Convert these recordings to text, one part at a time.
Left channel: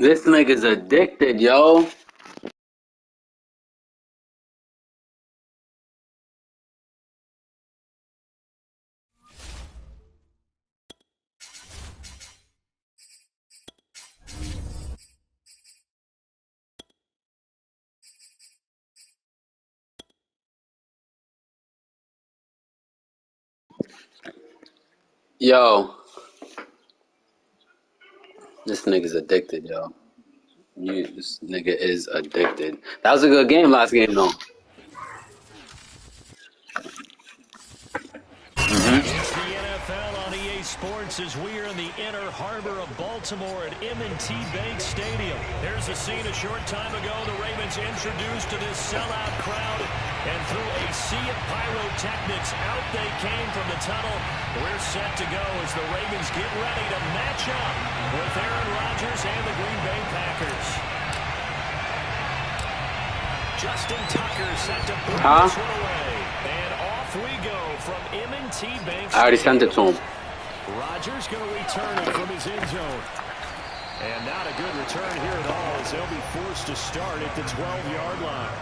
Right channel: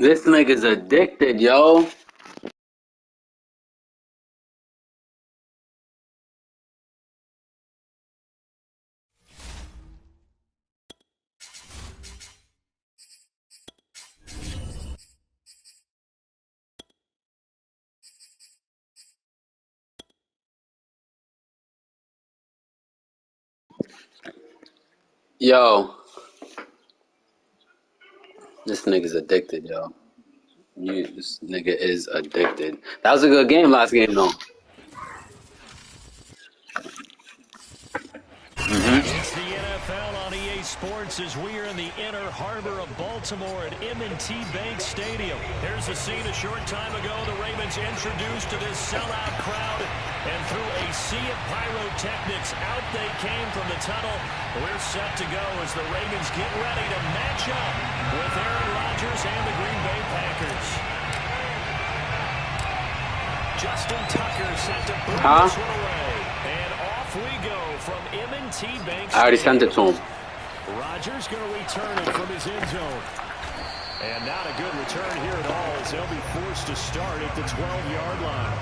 This nigga's addicted, yo. Yo, this nigga's addicted, yo. This nigga is addicted. That was a good game last game, though. It's the NFL on EA Sports as we are in the inner harbor of Baltimore at M&T Bank Stadium. Here's a scene a short time ago. The Ravens introduced to this sellout crowd, and through a sea of pyrotechnics, out they came from the tunnel. We're set to go as the Ravens get ready to match up with Aaron Rodgers and the Green Bay Packers. Justin Tucker set to boot this one away. And off we go from M&T Bank Stadium. I already sent it to him. Rodgers going to return it from his end zone. And not a good return here at all as they'll be forced to start at the 12-yard line.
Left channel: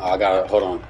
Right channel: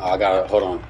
Oh, I got it. Hold on.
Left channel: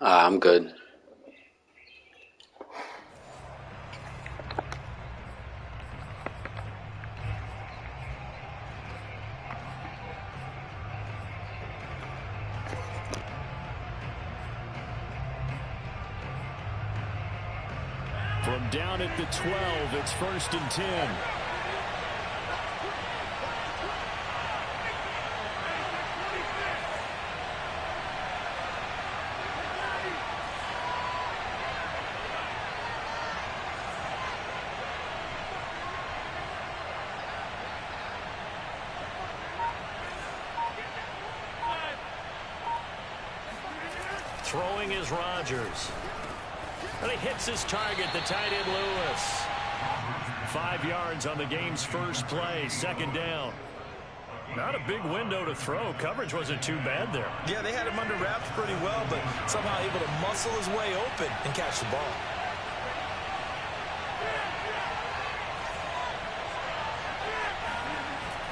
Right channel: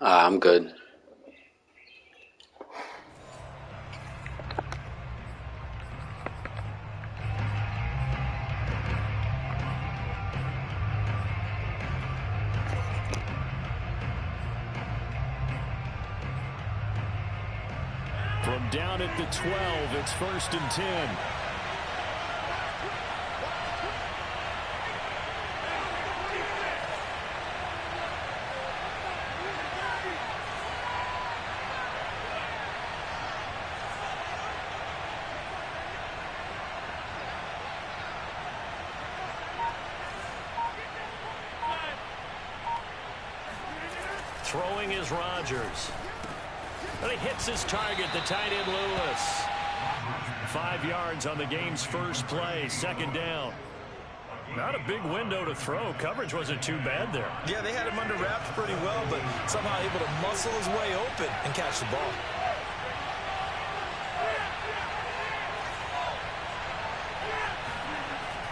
I'm good. From down at the 12, it's 1st and 10. Throwing is Rodgers. And he hits his target, the tight end Lewis. 5 yards on the game's first play, 2nd down. Not a big window to throw. Coverage wasn't too bad there. Yeah, they had him under wraps pretty well, but somehow able to muscle his way open and catch the ball.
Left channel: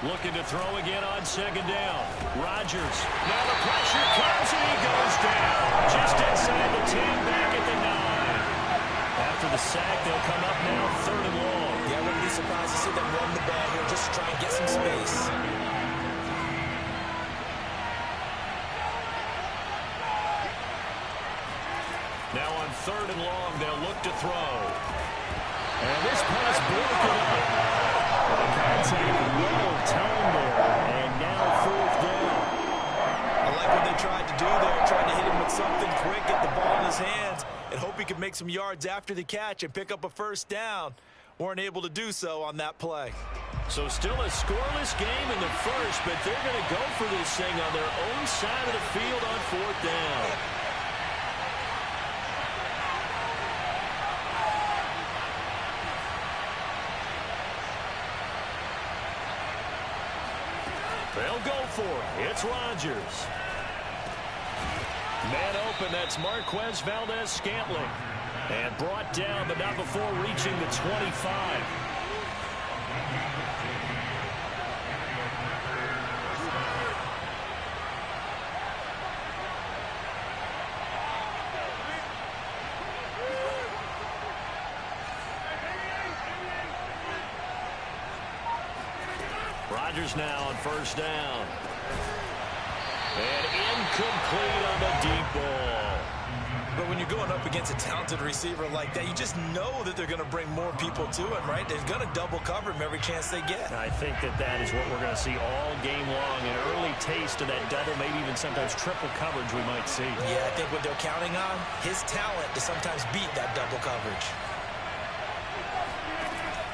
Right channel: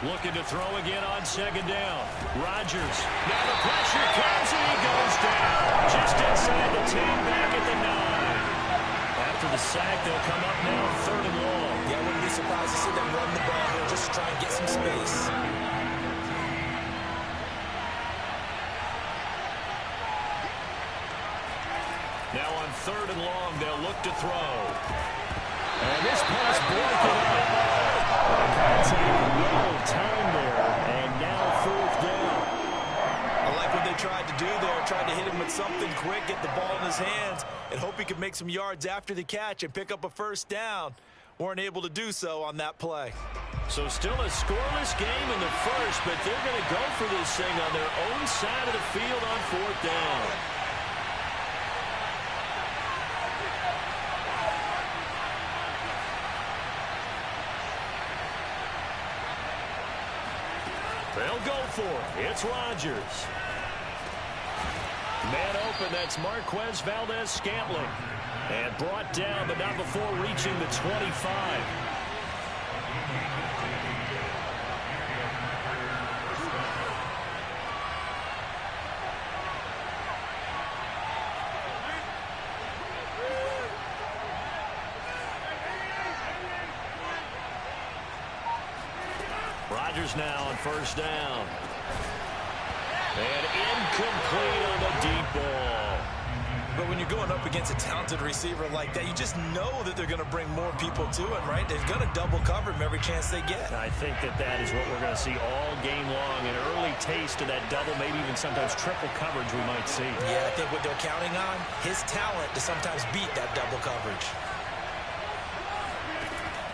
Looking to throw again on 2nd down. Rodgers. Now the pressure comes and he goes down. Just inside the 10, back at the 9. After the sack, they'll come up now 3rd and long. Yeah, I wouldn't be surprised to see them run the ball here just to try and get some space. Now on 3rd and long, they'll look to throw. And this pass broken up. The contact well timed there, and now 4th down. I like what they tried to do there, tried to hit him with something quick, get the ball in his hands, and hope he can make some yards after the catch and pick up a first down. Weren't able to do so on that play. So still a scoreless game in the first, but they're going to go for this thing on their own side of the field on fourth down. They'll go for it. It's Rodgers. Man open, that's Marquez Valdez-Scantling. And brought down, but not before reaching the 25. Rodgers now on first down. And incomplete on the deep ball. But when you're going up against a talented receiver like that, you just know that they're going to bring more people to him, right? They're going to double cover him every chance they get. I think that is what we're going to see all game long. An early taste of that double, maybe even sometimes triple coverage we might see. Yeah, I think what they're counting on, his talent to sometimes beat that double coverage.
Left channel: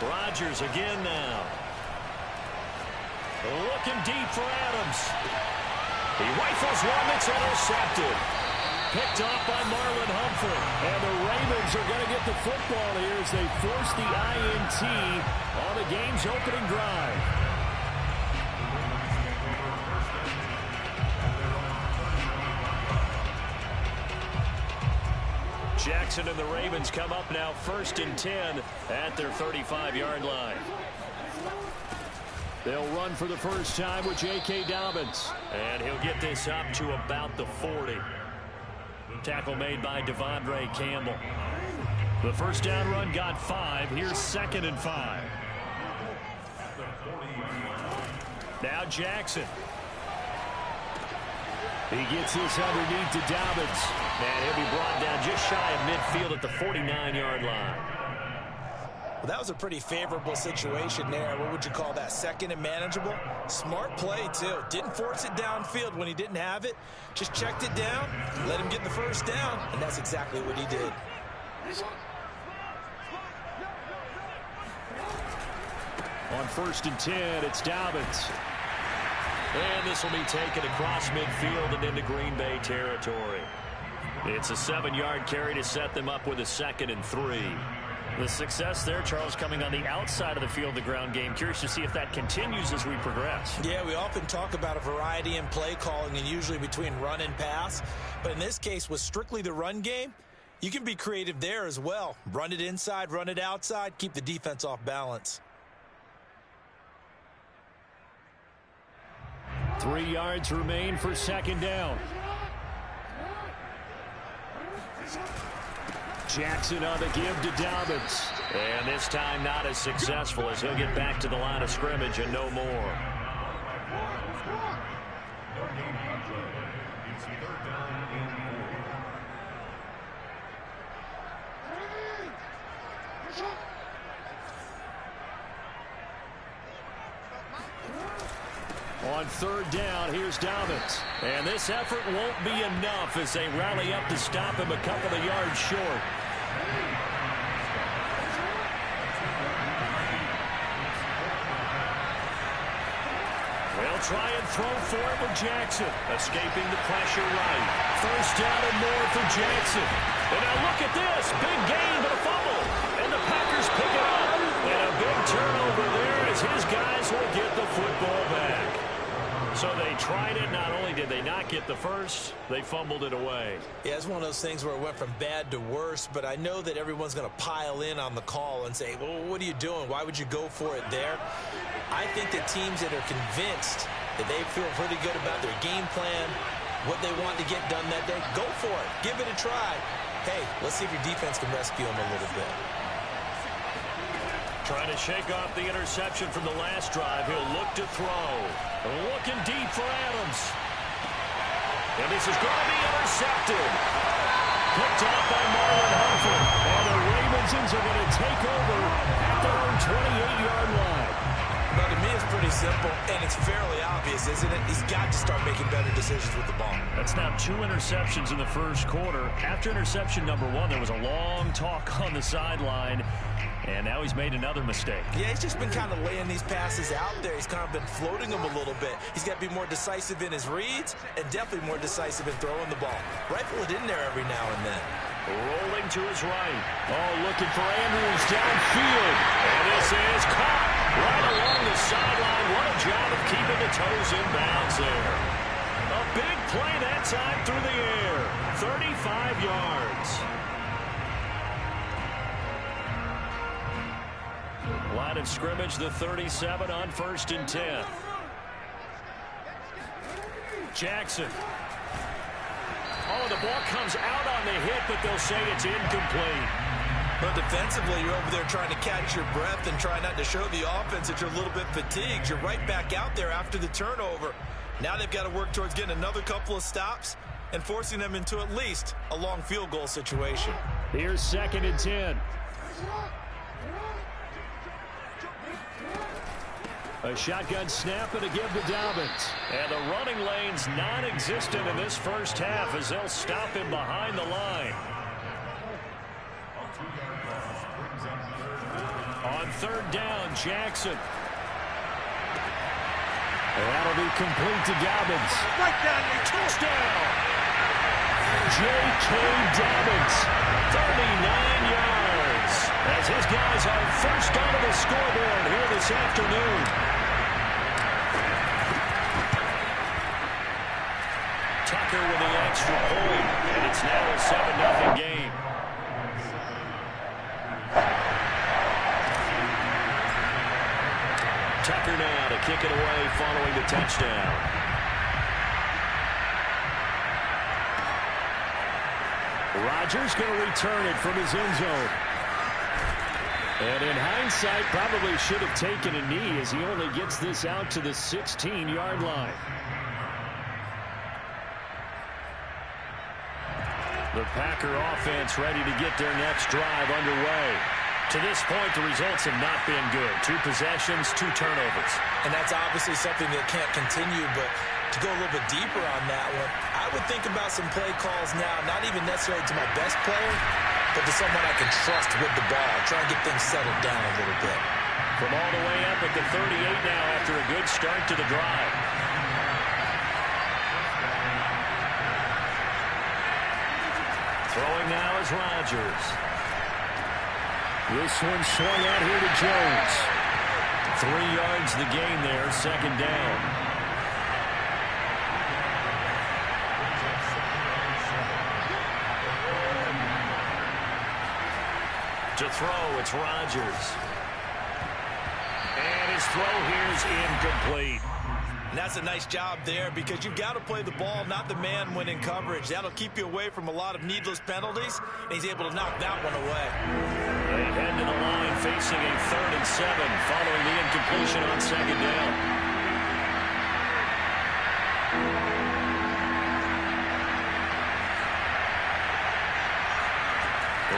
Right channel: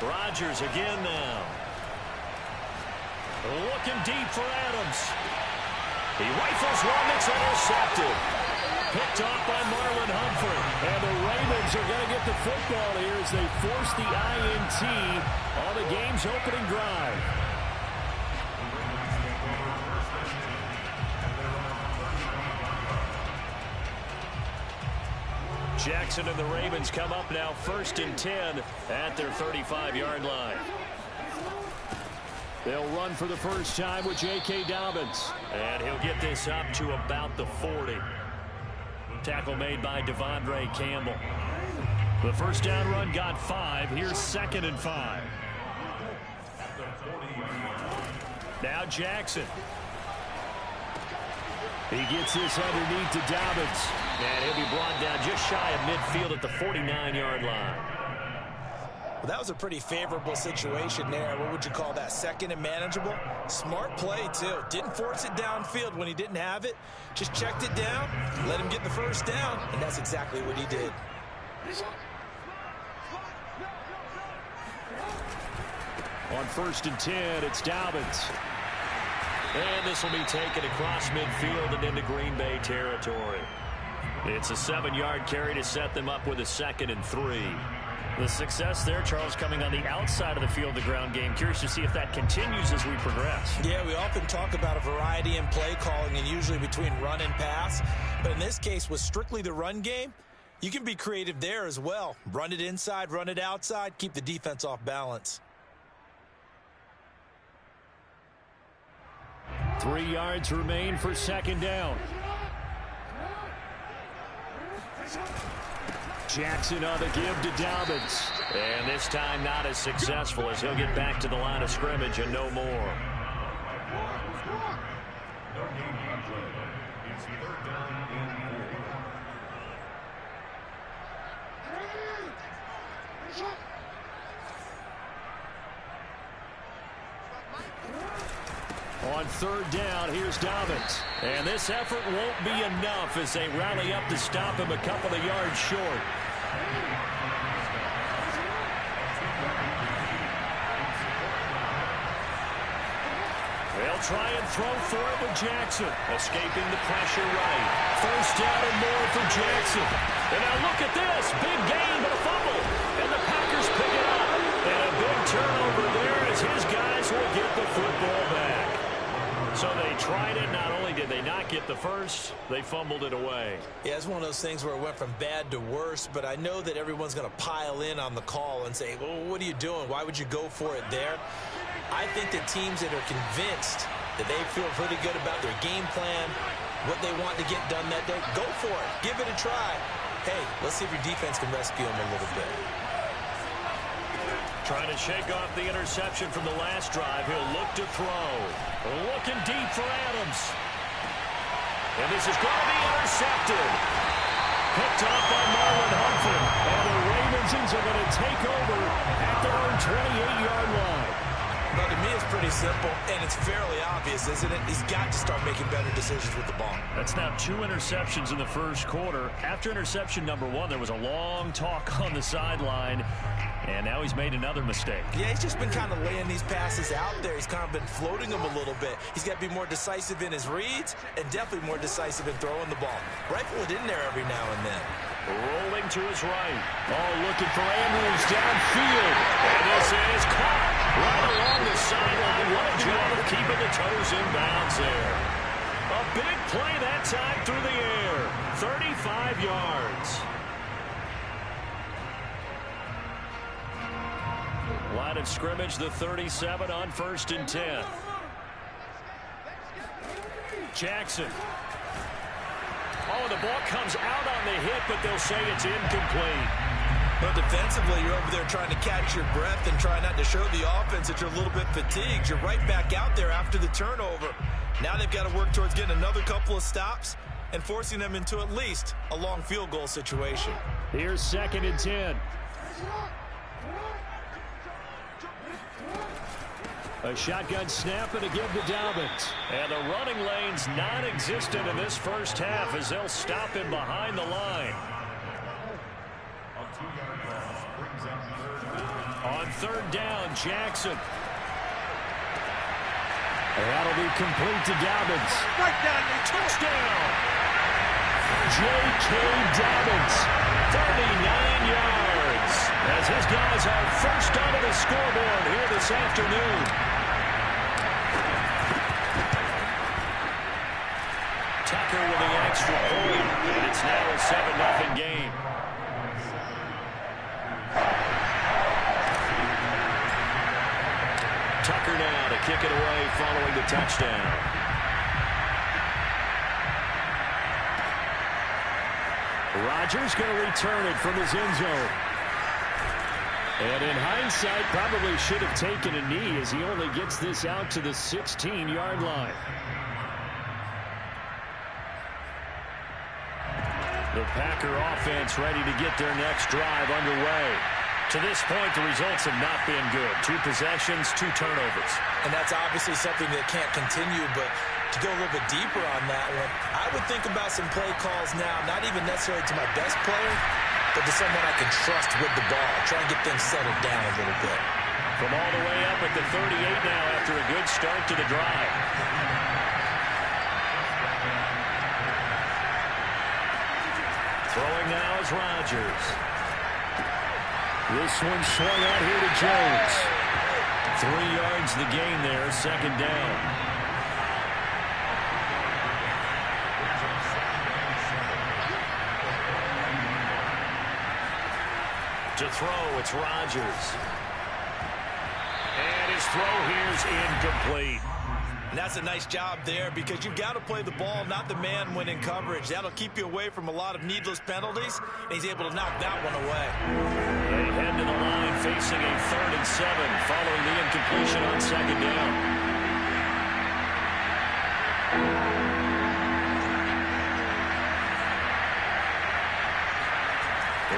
Rodgers again now. Looking deep for Adams. He rifles one that's intercepted. Picked off by Marlon Humphrey. And the Ravens are going to get the football here as they force the INT on the game's opening drive. Jackson and the Ravens come up now 1st and 10 at their 35-yard line. They'll run for the first time with J.K. Dobbins. And he'll get this up to about the 40. Tackle made by Devondre Campbell. The first down run got 5. Here's 2nd and 5. Now Jackson. He gets this underneath to Dobbins. And he'll be brought down just shy of midfield at the 49-yard line. Well, that was a pretty favorable situation there. What would you call that? 2nd and manageable? Smart play, too. Didn't force it downfield when he didn't have it. Just checked it down, let him get the first down, and that's exactly what he did. On 1st and 10, it's Dobbins. And this will be taken across midfield and into Green Bay territory. It's a 7-yard carry to set them up with a 2nd and 3. The success there, Charles, coming on the outside of the field, the ground game. Curious to see if that continues as we progress. Yeah, we often talk about a variety in play calling and usually between run and pass. But in this case, with strictly the run game, you can be creative there as well. Run it inside, run it outside, keep the defense off balance. 3 yards remain for 2nd down. Jackson on the give to Dobbins. And this time not as successful as he'll get back to the line of scrimmage and no more. On 3rd down, here's Dobbins. And this effort won't be enough as they rally up to stop him a couple of yards short. They'll try and throw for it with Jackson. Escaping the pressure right. 1st down and more for Jackson. And now look at this. Big gain, but a fumble. And the Packers pick it up. And a big turnover there as his guys will get the football back. So they tried it. Not only did they not get the first, they fumbled it away. Yeah, it's one of those things where it went from bad to worse, but I know that everyone's going to pile in on the call and say, well, what are you doing? Why would you go for it there? I think that teams that are convinced that they feel pretty good about their game plan, what they want to get done that day, go for it. Give it a try. Hey, let's see if your defense can rescue them a little bit. Trying to shake off the interception from the last drive. He'll look to throw. Looking deep for Adams. And this is going to be intercepted. Picked off by Marlon Humphrey. And the Ravens are going to take over at their own 28-yard line. Well, to me, it's pretty simple, and it's fairly obvious, isn't it? He's got to start making better decisions with the ball. That's now 2 interceptions in the first quarter. After interception number 1, there was a long talk on the sideline, and now he's made another mistake. Yeah, he's just been kind of laying these passes out there. He's kind of been floating them a little bit. He's got to be more decisive in his reads and definitely more decisive in throwing the ball. Rifle it in there every now and then. Rolling to his right. Oh, looking for Andrews downfield. And this is caught right along the sideline. What a job of keeping the toes in bounds there. A big play that time through the air. 35 yards. Line of scrimmage, the 37 on 1st and 10. Jackson. Oh, the ball comes out on the hit, but they'll say it's incomplete. But defensively, you're over there trying to catch your breath and try not to show the offense that you're a little bit fatigued. You're right back out there after the turnover. Now they've got to work towards getting another couple of stops and forcing them into at least a long field goal situation. Here's 2nd and 10. A shotgun snap and a give to Dobbins. And the running lane's non-existent in this first half as they'll stop him behind the line. On 3rd down, Jackson. And that'll be complete to Dobbins. Right down your touchdown. J.K. Dobbins, 39 yards. As his guys are first onto the scoreboard here this afternoon. Tucker with the extra point, and it's now a 7-0 game. Tucker now to kick it away following the touchdown. Rodgers going to return it from his end zone. And in hindsight, probably should have taken a knee as he only gets this out to the 16-yard line. The Packer offense ready to get their next drive underway. To this point, the results have not been good. 2 possessions, 2 turnovers. And that's obviously something that can't continue, but to go a little bit deeper on that one, I would think about some play calls now, not even necessarily to my best player, but to someone I can trust with the ball. Try and get things settled down a little bit. From all the way up at the 38 now after a good start to the drive. Throwing now is Rodgers. This one swung out here to Jones. 3 yards the gain there, 2nd down. To throw, it's Rodgers. And his throw here's incomplete. And that's a nice job there because you've got to play the ball, not the man when in coverage. That'll keep you away from a lot of needless penalties, and he's able to knock that one away. They head to the line facing a 3rd and 7 following the incompletion on 2nd down.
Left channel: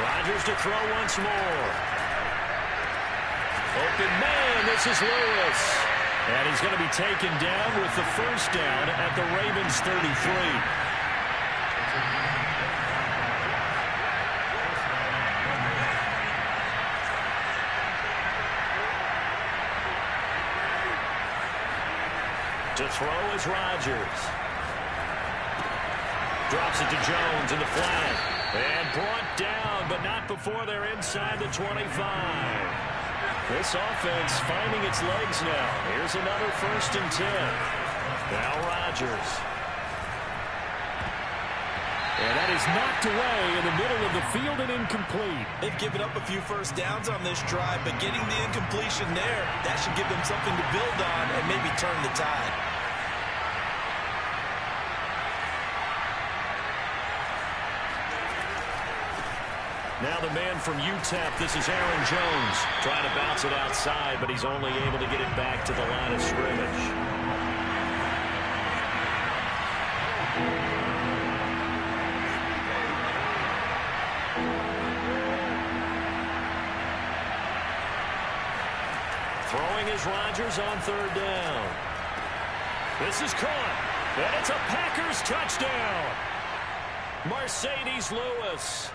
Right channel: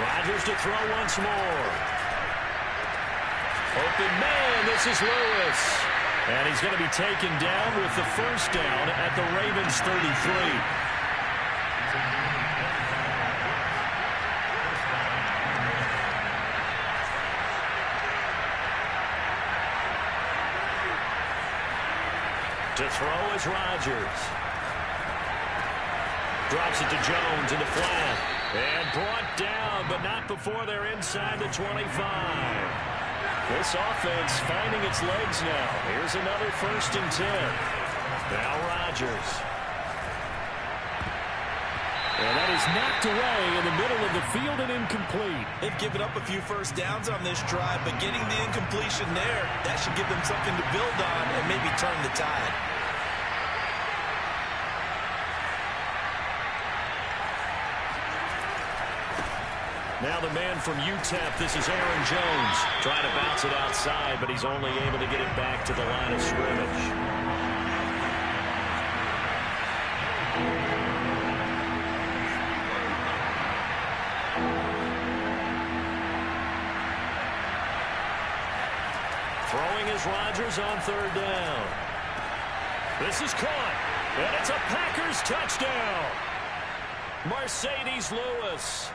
Rodgers to throw once more. Open man, this is Lewis. And he's going to be taken down with the 1st down at the Ravens 33. To throw is Rodgers. Drops it to Jones in the flat. And brought down, but not before they're inside the 25. This offense finding its legs now. Here's another 1st and 10. Now Rodgers. And that is knocked away in the middle of the field and incomplete. They've given up a few first downs on this drive, but getting the incompletion there, that should give them something to build on and maybe turn the tide. Now the man from UTEP, this is Aaron Jones, trying to bounce it outside, but he's only able to get it back to the line of scrimmage. Throwing is Rodgers on third down. This is caught, and it's a Packers touchdown. Mercedes Lewis,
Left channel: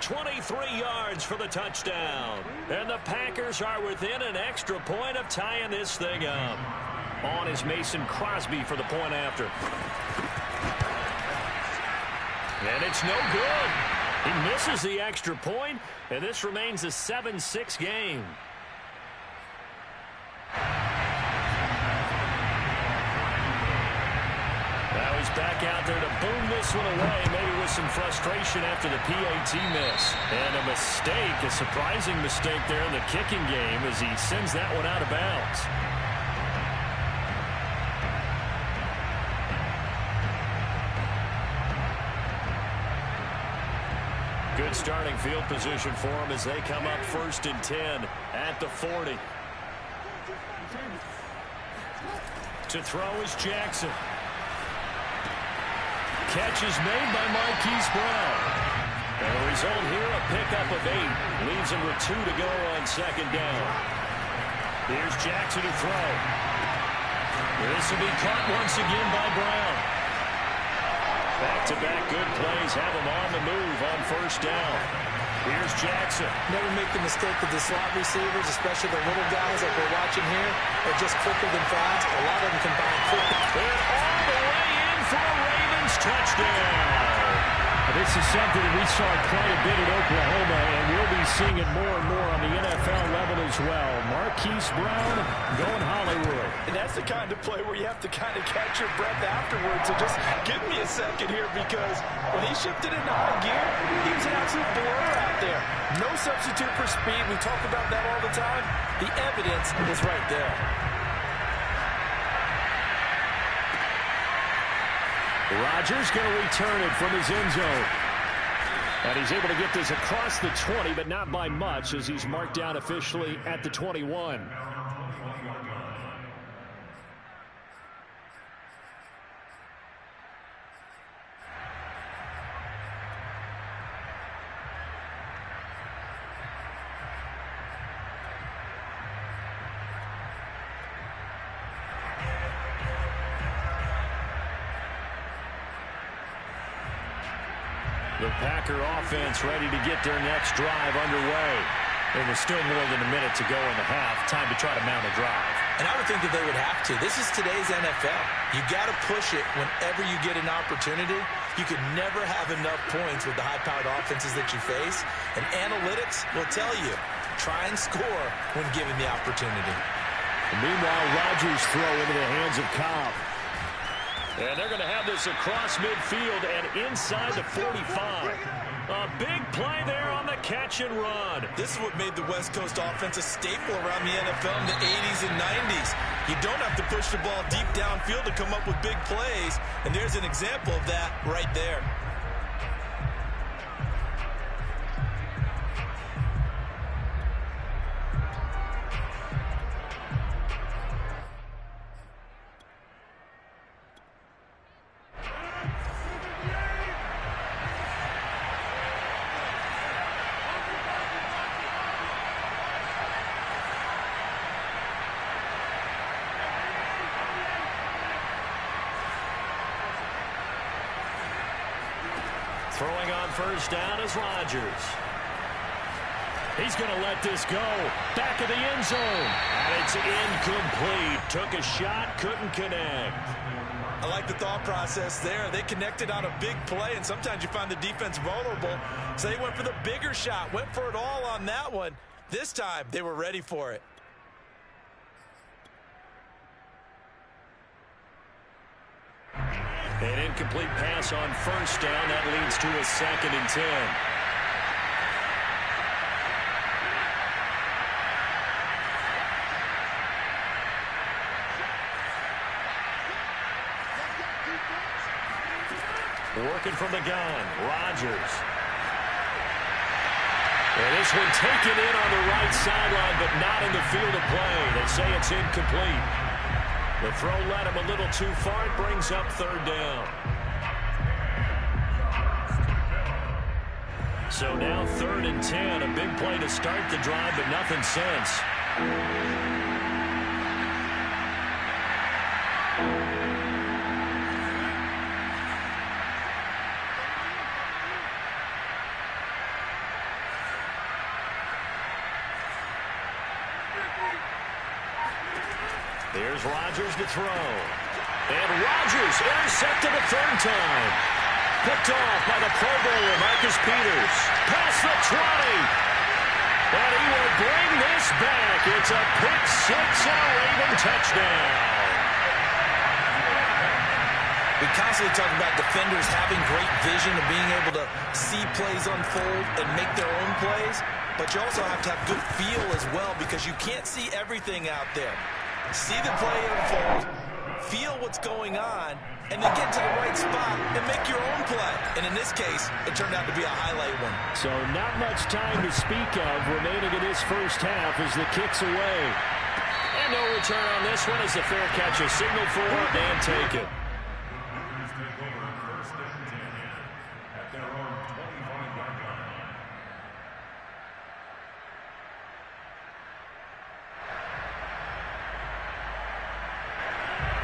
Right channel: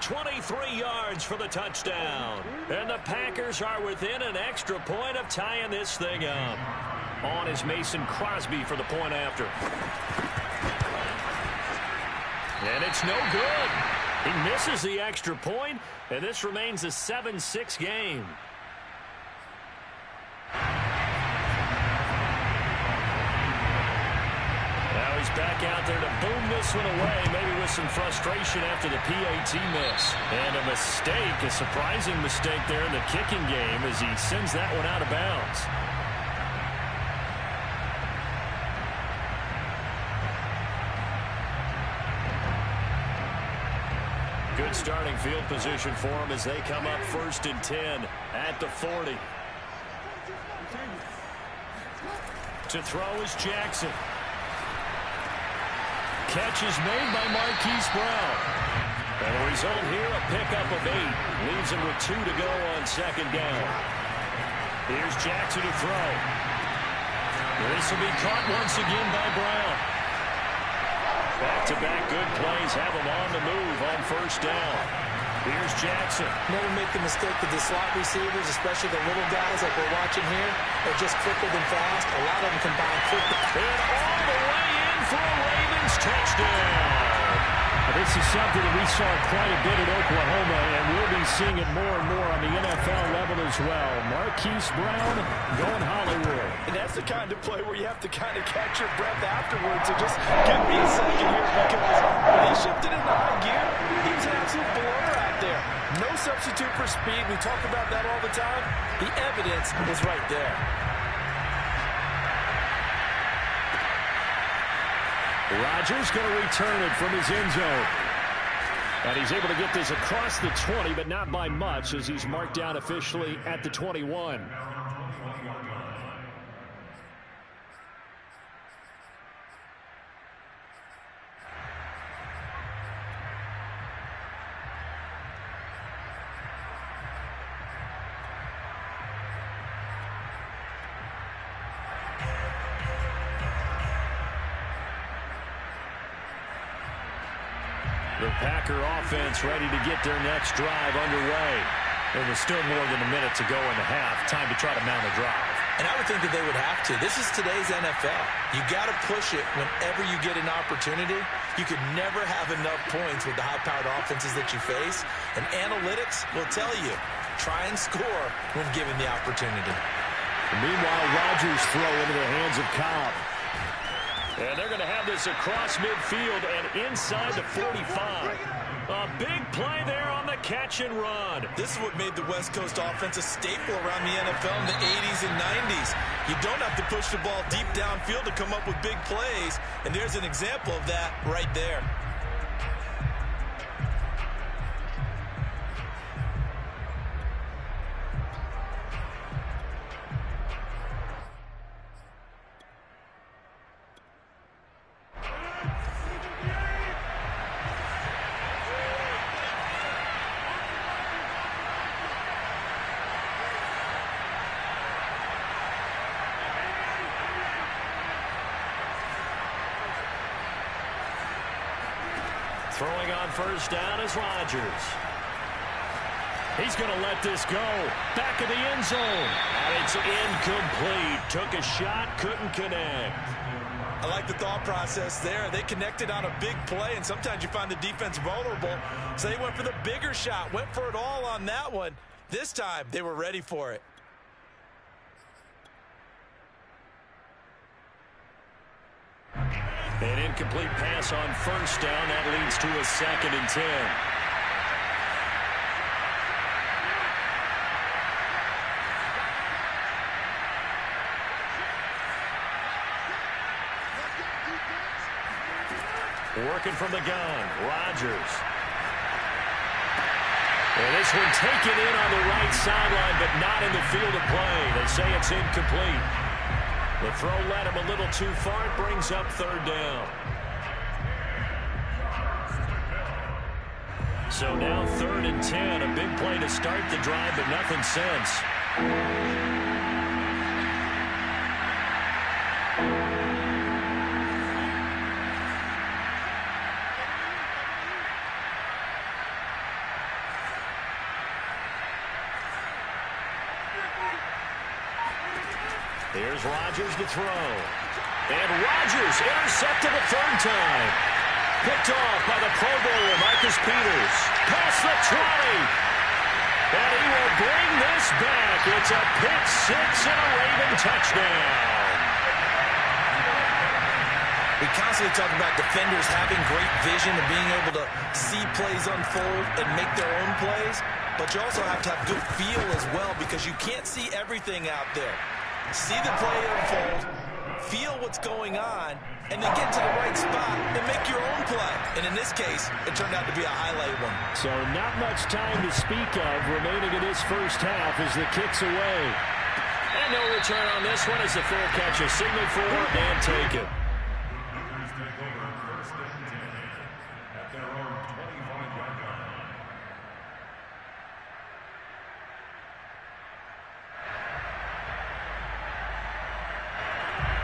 23 yards for the touchdown. And the Packers are within an extra point of tying this thing up. On is Mason Crosby for the point after. And it's no good. He misses the extra point, and this remains a 7-6 game. Now he's back out there to boom this one away, maybe with some frustration after the PAT miss. And a mistake, a surprising mistake there in the kicking game as he sends that one out of bounds. Good starting field position for him as they come up 1st and 10 at the 40. To throw is Jackson. Catch is made by Marquise Brown. And the result here, a pickup of 8. Leaves him with 2 to go on 2nd down. Here's Jackson to throw. This will be caught once again by Brown. Back-to-back good plays have him on the move on 1st down. Here's Jackson. Never make the mistake that the slot receivers, especially the little guys like we're watching here, are just quicker than fast. A lot of them combine quickly. And all the way in for a Ravens touchdown. This is something that we saw quite a bit at Oklahoma, and we'll be seeing it more and more on the NFL level as well. Marquise Brown going Hollywood. And that's the kind of play where you have to kind of catch your breath afterwards. So just give me a second here, because when he shifted into high gear, he was an absolute blur out there. No substitute for speed. We talk about that all the time. The evidence was right there. Rodgers going to return it from his end zone. And he's able to get this across the 20, but not by much, as he's marked down officially at the 21. The Packer offense ready to get their next drive underway. There was still more than a minute to go in the half. Time to try to mount a drive. And I would think that they would have to. This is today's NFL. You got to push it whenever you get an opportunity. You could never have enough points with the high-powered offenses that you face. And analytics will tell you, try and score when given the opportunity. Meanwhile, Rodgers throw into the hands of Cobb. And they're going to have this across midfield and inside the 45. A big play there on the catch and run. This is what made the West Coast offense a staple around the NFL in the 80s and 90s. You don't have to push the ball deep downfield to come up with big plays. And there's an example of that right there. Throwing on 1st down is Rodgers. He's going to let this go. Back of the end zone. And it's incomplete. Took a shot, couldn't connect. I like the thought process there. They connected on a big play, and sometimes you find the defense vulnerable. So they went for the bigger shot, went for it all on that one. This time, they were ready for it. An incomplete pass on 1st down. That leads to a 2nd and 10. Working from the gun, Rodgers. And this one taken in on the right sideline, but not in the field of play. They say it's incomplete. The throw led him a little too far. It brings up 3rd down. So now 3rd and 10. A big play to start the drive, but nothing since. Here's Rodgers to throw. And Rodgers intercepted the third time. Picked off by the Pro Bowler, Marcus Peters. Past the 20. And he will bring this back. It's a pick six and a Raven touchdown. We constantly talk about defenders having great vision and being able to see plays unfold and make their own plays. But you also have to have good feel as well, because you can't see everything out there. See the play unfold, feel what's going on, and then get to the right spot and make your own play. And in this case, it turned out to be a highlight one. So not much time to speak of remaining in this first half as the kick's away. And no return on this one as the fair catch is signaled for and taken.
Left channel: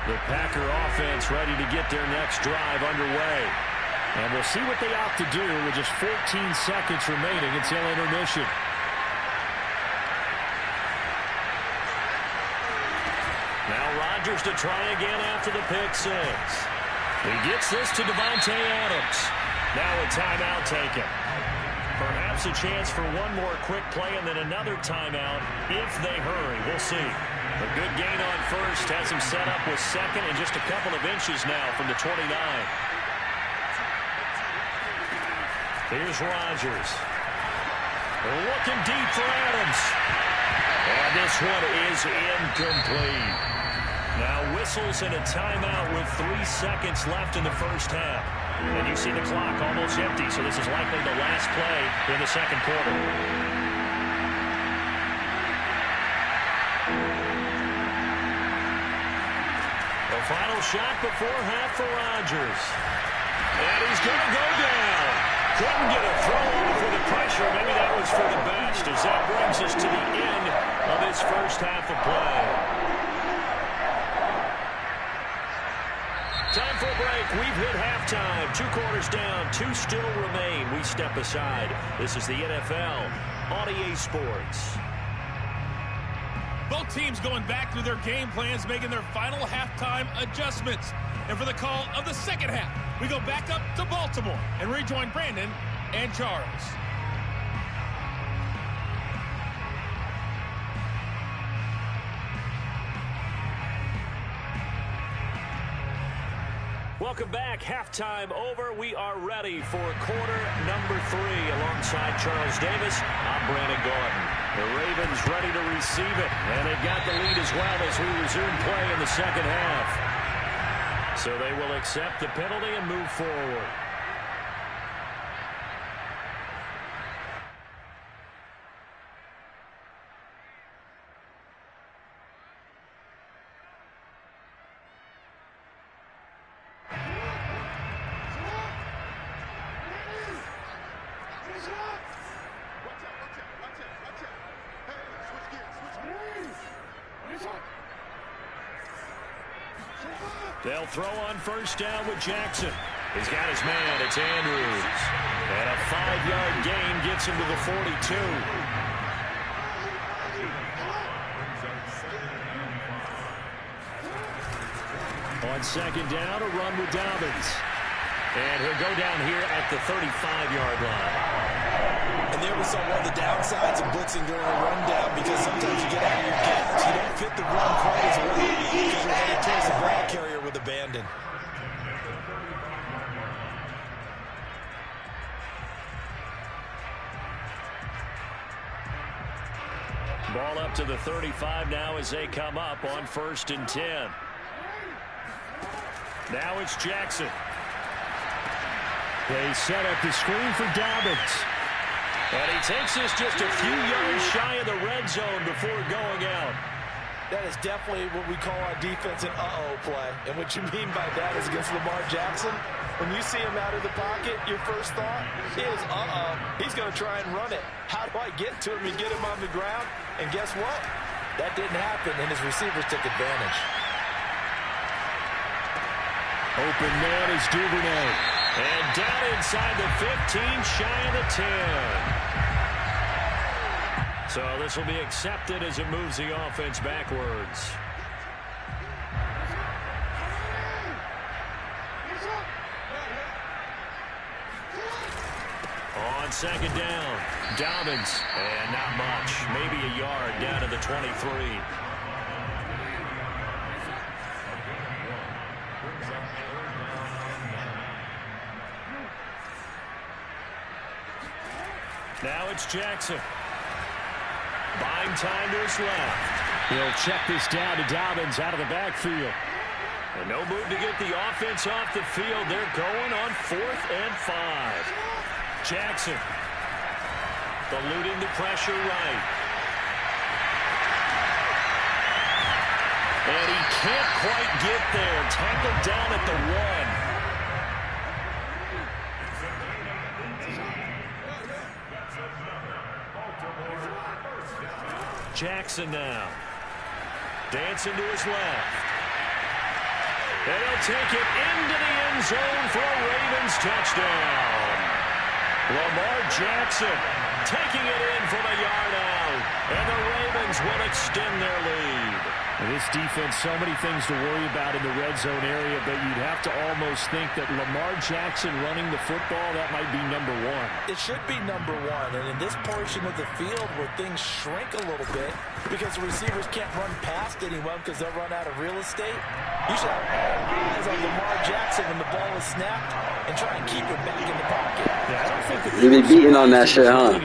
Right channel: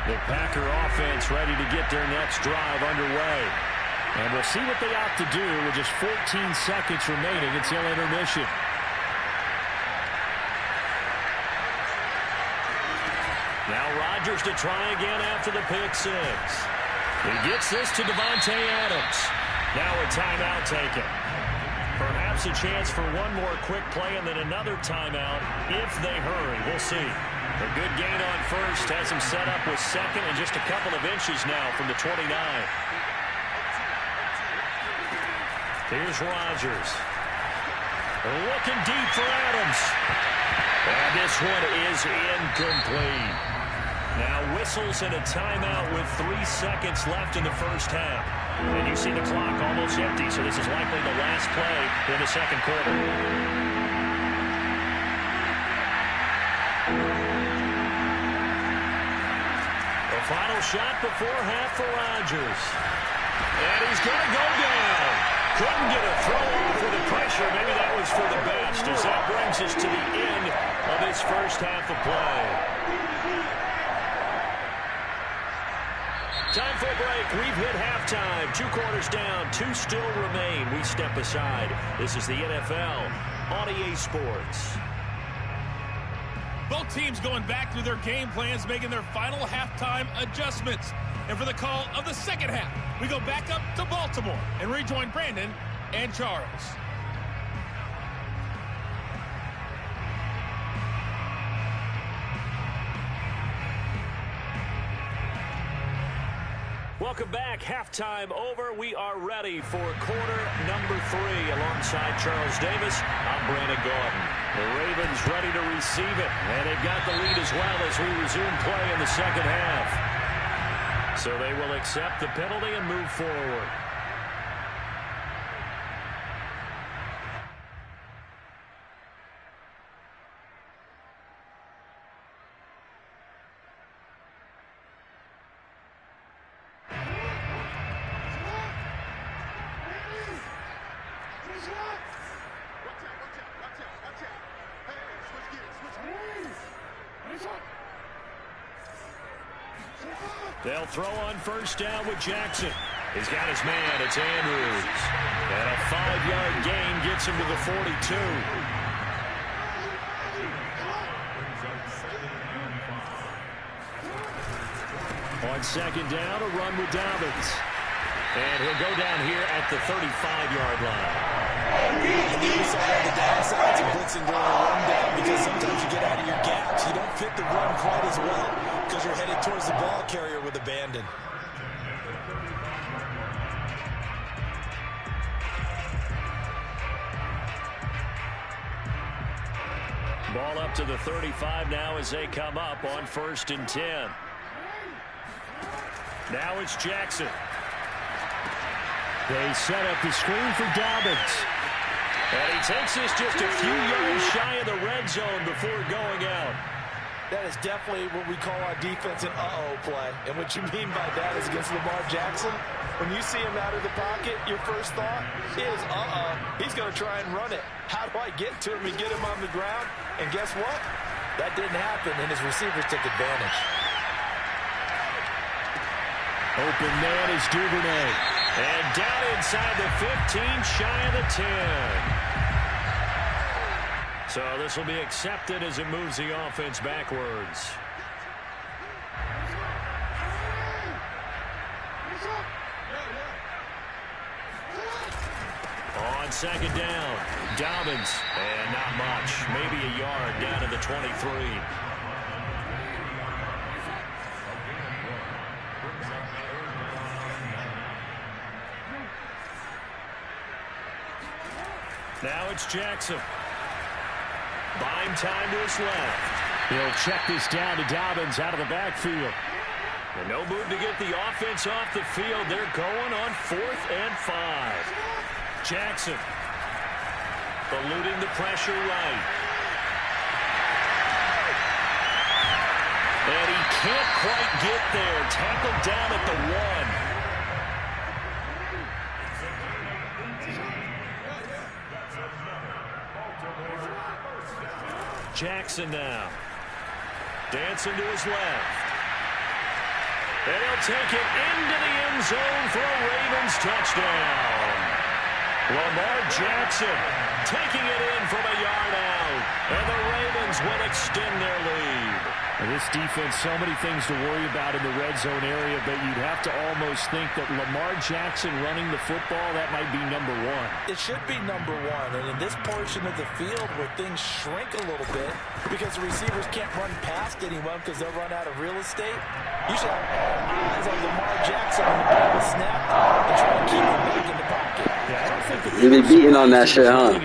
The Packer offense ready to get their next drive underway. And we'll see what they opt to do with just 14 seconds remaining until intermission. Now Rodgers to try again after the pick six. He gets this to Davante Adams. Now a timeout taken. Perhaps a chance for one more quick play and then another timeout if they hurry. We'll see. A good gain on first has him set up with second and just a couple of inches now from the 29. Here's Rodgers. Looking deep for Adams. And this one is incomplete. Now whistles and a timeout with 3 seconds left in the first half. And you see the clock almost empty, so this is likely the last play in the second quarter. The final shot before half for Rodgers. And he's going to go down. Couldn't get a throw off with the pressure. Maybe that was for the best, as that brings us to the end of this first half of play. Time for a break. We've hit halftime. 2 quarters down. 2 still remain. We step aside. This is the NFL on EA Sports. Both teams going back through their game plans, making their final halftime adjustments. And for the call of the second half, we go back up to Baltimore and rejoin Brandon and Charles. Welcome back. Halftime over. We are ready for quarter number 3 alongside Charles Davis. I'm Brandon Gordon. The Ravens ready to receive it, and they've got the lead as well as we resume play in the second half. So they will accept the penalty and move forward. They'll throw on first down with Jackson. He's got his man. It's Andrews. And a 5-yard gain gets him to the 42. On second down, a run with Dobbins. And he'll go down here at the 35-yard line. And there we saw one of the downsides of blitzing during a rundown, because sometimes you get out of your gaps. You don't fit the run quite as well because you're headed towards the ball carrier with abandon. Ball up to the 35 now as they come up on 1st and 10. Now it's Jackson. They set up the screen for Dobbins. And he takes this just a few yards shy of the red zone before going out. That is definitely what we call our defense an uh-oh play. And what you mean by that is against Lamar Jackson, when you see him out of the pocket, your first thought is, uh-oh, he's going to try and run it. How do I get to him and get him on the ground? And guess what? That didn't happen, and his receivers took advantage. Open man is Duvernay. And down inside the 15, shy of the 10. So this will be accepted as it moves the offense backwards. on second down. Dobbins, and not much. Maybe a yard down to the 23. Now it's Jackson. Buying time to his left. He'll check this down to Dobbins out of the backfield. And no move to get the offense off the field. They're going on 4th and 5. Jackson eluding the pressure right. And he can't quite get there. Tackled down at the 1. Jackson now. Dancing to his left. And he'll take it into the end zone for a Ravens touchdown. Lamar Jackson taking it in from a yard out. And the Ravens will extend their lead. This defense, so many things to worry about in the red zone area, but you'd have to almost think that Lamar Jackson running the football, that might be number 1. It should be number 1, and in this portion of the field where things shrink a little bit because the receivers can't run past anyone because they'll run out of real estate, you should have all eyes on Lamar Jackson when the ball is snapped and try to keep him back in the pocket. Yeah, I don't think that they be beating on that shit, huh?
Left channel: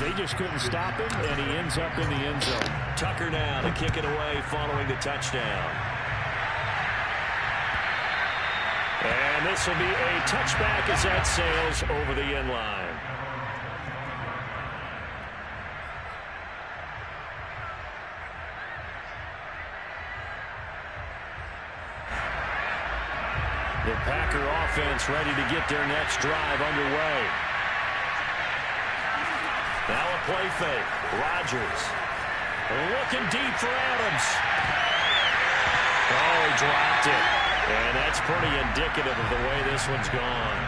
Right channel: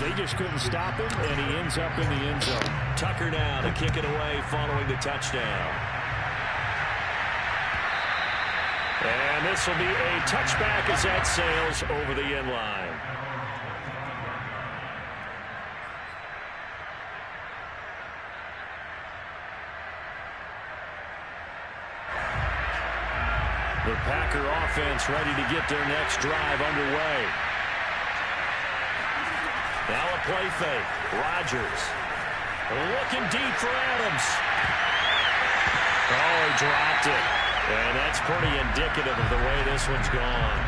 They just couldn't stop him, and he ends up in the end zone. Tucker now to kick it away following the touchdown. And this will be a touchback as that sails over the end line. The Packer offense ready to get their next drive underway. Now a play fake. Rodgers looking deep for Adams. Oh, he dropped it. And that's pretty indicative of the way this one's gone.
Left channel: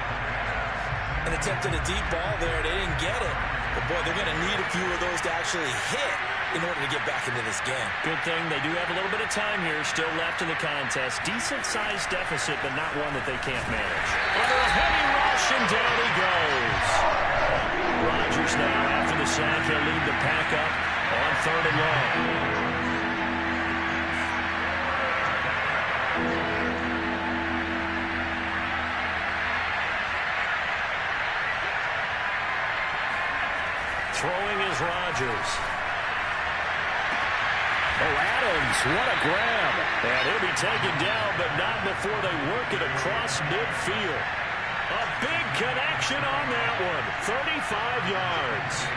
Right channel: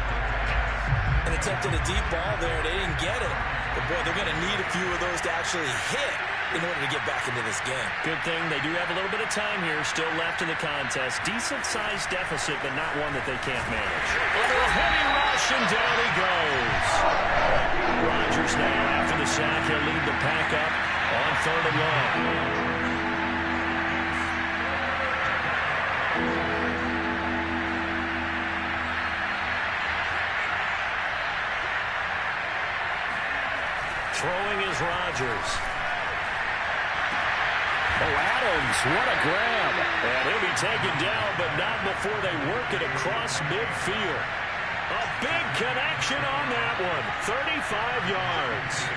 And attempted a deep ball there. They didn't get it. But, boy, they're going to need a few of those to actually hit in order to get back into this game. Good thing they do have a little bit of time here still left in the contest. Decent-sized deficit, but not one that they can't manage. Under a heavy rush, and down he goes. Rodgers now, after the sack, he'll lead the pack up on 3rd and long. Throwing is Rodgers. Oh, Adams, what a grab. And he'll be taken down, but not before they work it across midfield. A big connection on that one. 35 yards.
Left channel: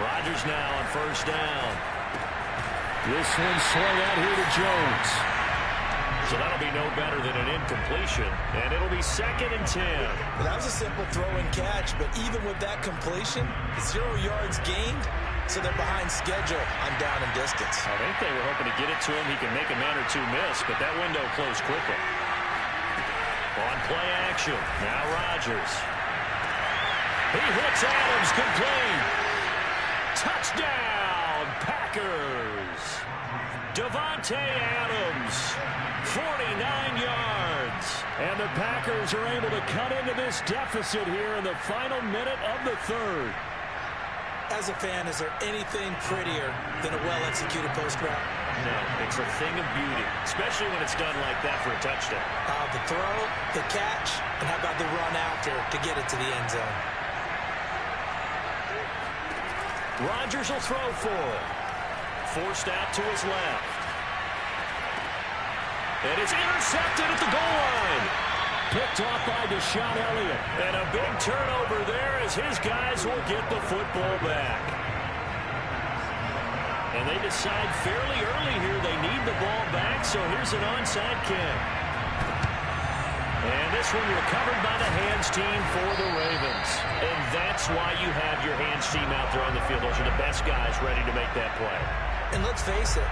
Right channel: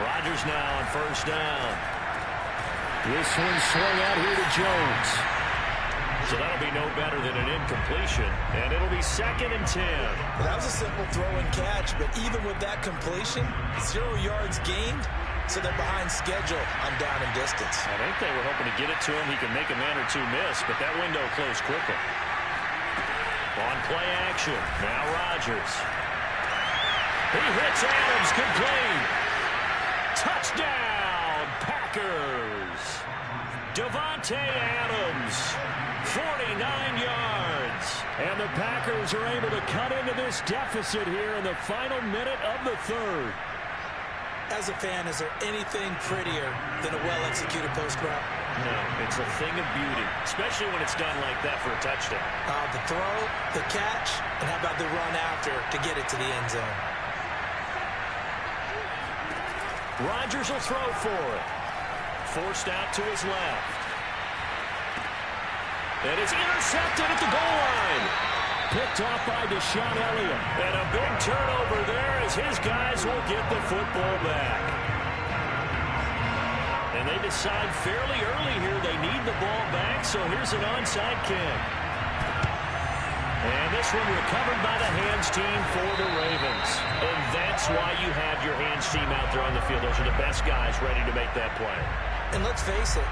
Rodgers now on 1st down. This one swung out here to Jones. So that'll be no better than an incompletion, and it'll be 2nd and 10. Well, that was a simple throw and catch, but even with that completion, 0 yards gained, so they're behind schedule on down and distance. I think they were hoping to get it to him. He can make a man or two miss, but that window closed quickly. On play action, now Rodgers. He hits Adams, complete. Touchdown, Packers. Davante Adams. 49 yards. And the Packers are able to cut into this deficit here in the final minute of the 3rd. As a fan, is there anything prettier than a well-executed post route? No, it's a thing of beauty, especially when it's done like that for a touchdown. The throw, the catch, and how about the run after to get it to the end zone? Rodgers will throw for it. Forced out to his left. And it's intercepted at the goal line. Picked off by Deshaun Elliott. And a big turnover there as his guys will get the football back. And they decide fairly early here they need the ball back, so here's an onside kick. And this one recovered by the hands team for the Ravens. And that's why you have your hands team out there on the field. Those are the best guys ready to make that play. And let's face it,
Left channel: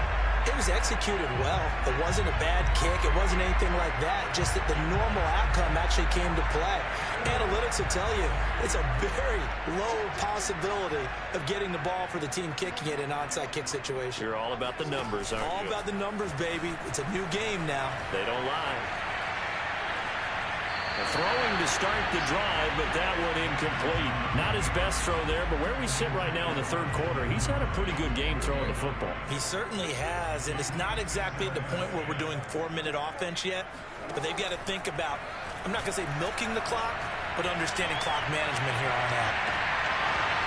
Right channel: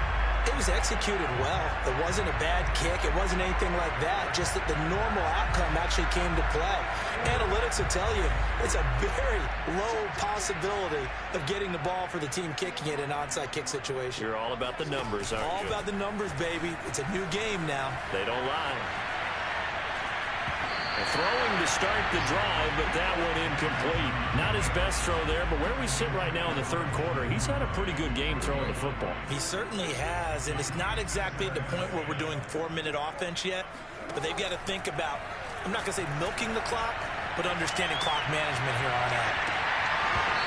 It was executed well. It wasn't a bad kick. It wasn't anything like that. Just that the normal outcome actually came to play. Analytics will tell you it's a very low possibility of getting the ball for the team kicking it in an onside kick situation. You're all about the numbers, aren't you? All about the numbers, baby. It's a new game now. They don't lie. Throwing to start the drive, but that one incomplete. Not his best throw there, but where we sit right now in the third quarter, he's had a pretty good game throwing the football. He certainly has, and it's not exactly at the point where we're doing 4-minute offense yet, but they've got to think about, I'm not going to say milking the clock, but understanding clock management here on out.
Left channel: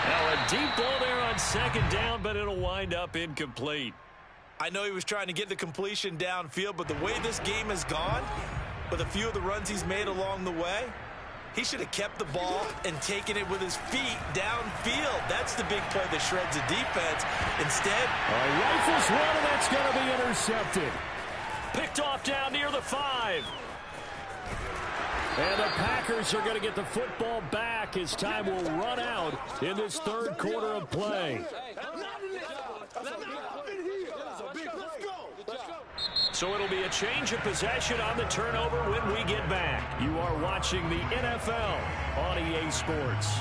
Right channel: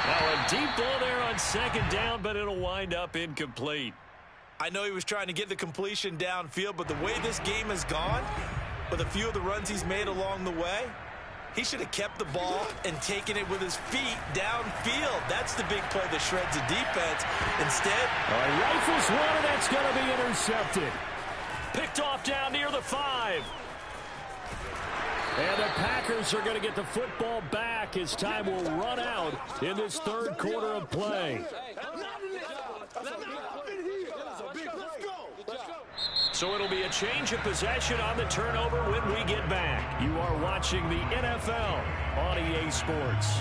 Now a deep ball there on second down, but it'll wind up incomplete. I know he was trying to get the completion downfield, but the way this game has gone, with a few of the runs he's made along the way, he should have kept the ball and taken it with his feet downfield. That's the big play that shreds the defense. Instead, all right, rifles one, and that's going to be intercepted. Picked off down near the 5. And the Packers are going to get the football back as time will run out in this third quarter of play. So it'll be a change of possession on the turnover when we get back. You are watching the NFL on EA Sports.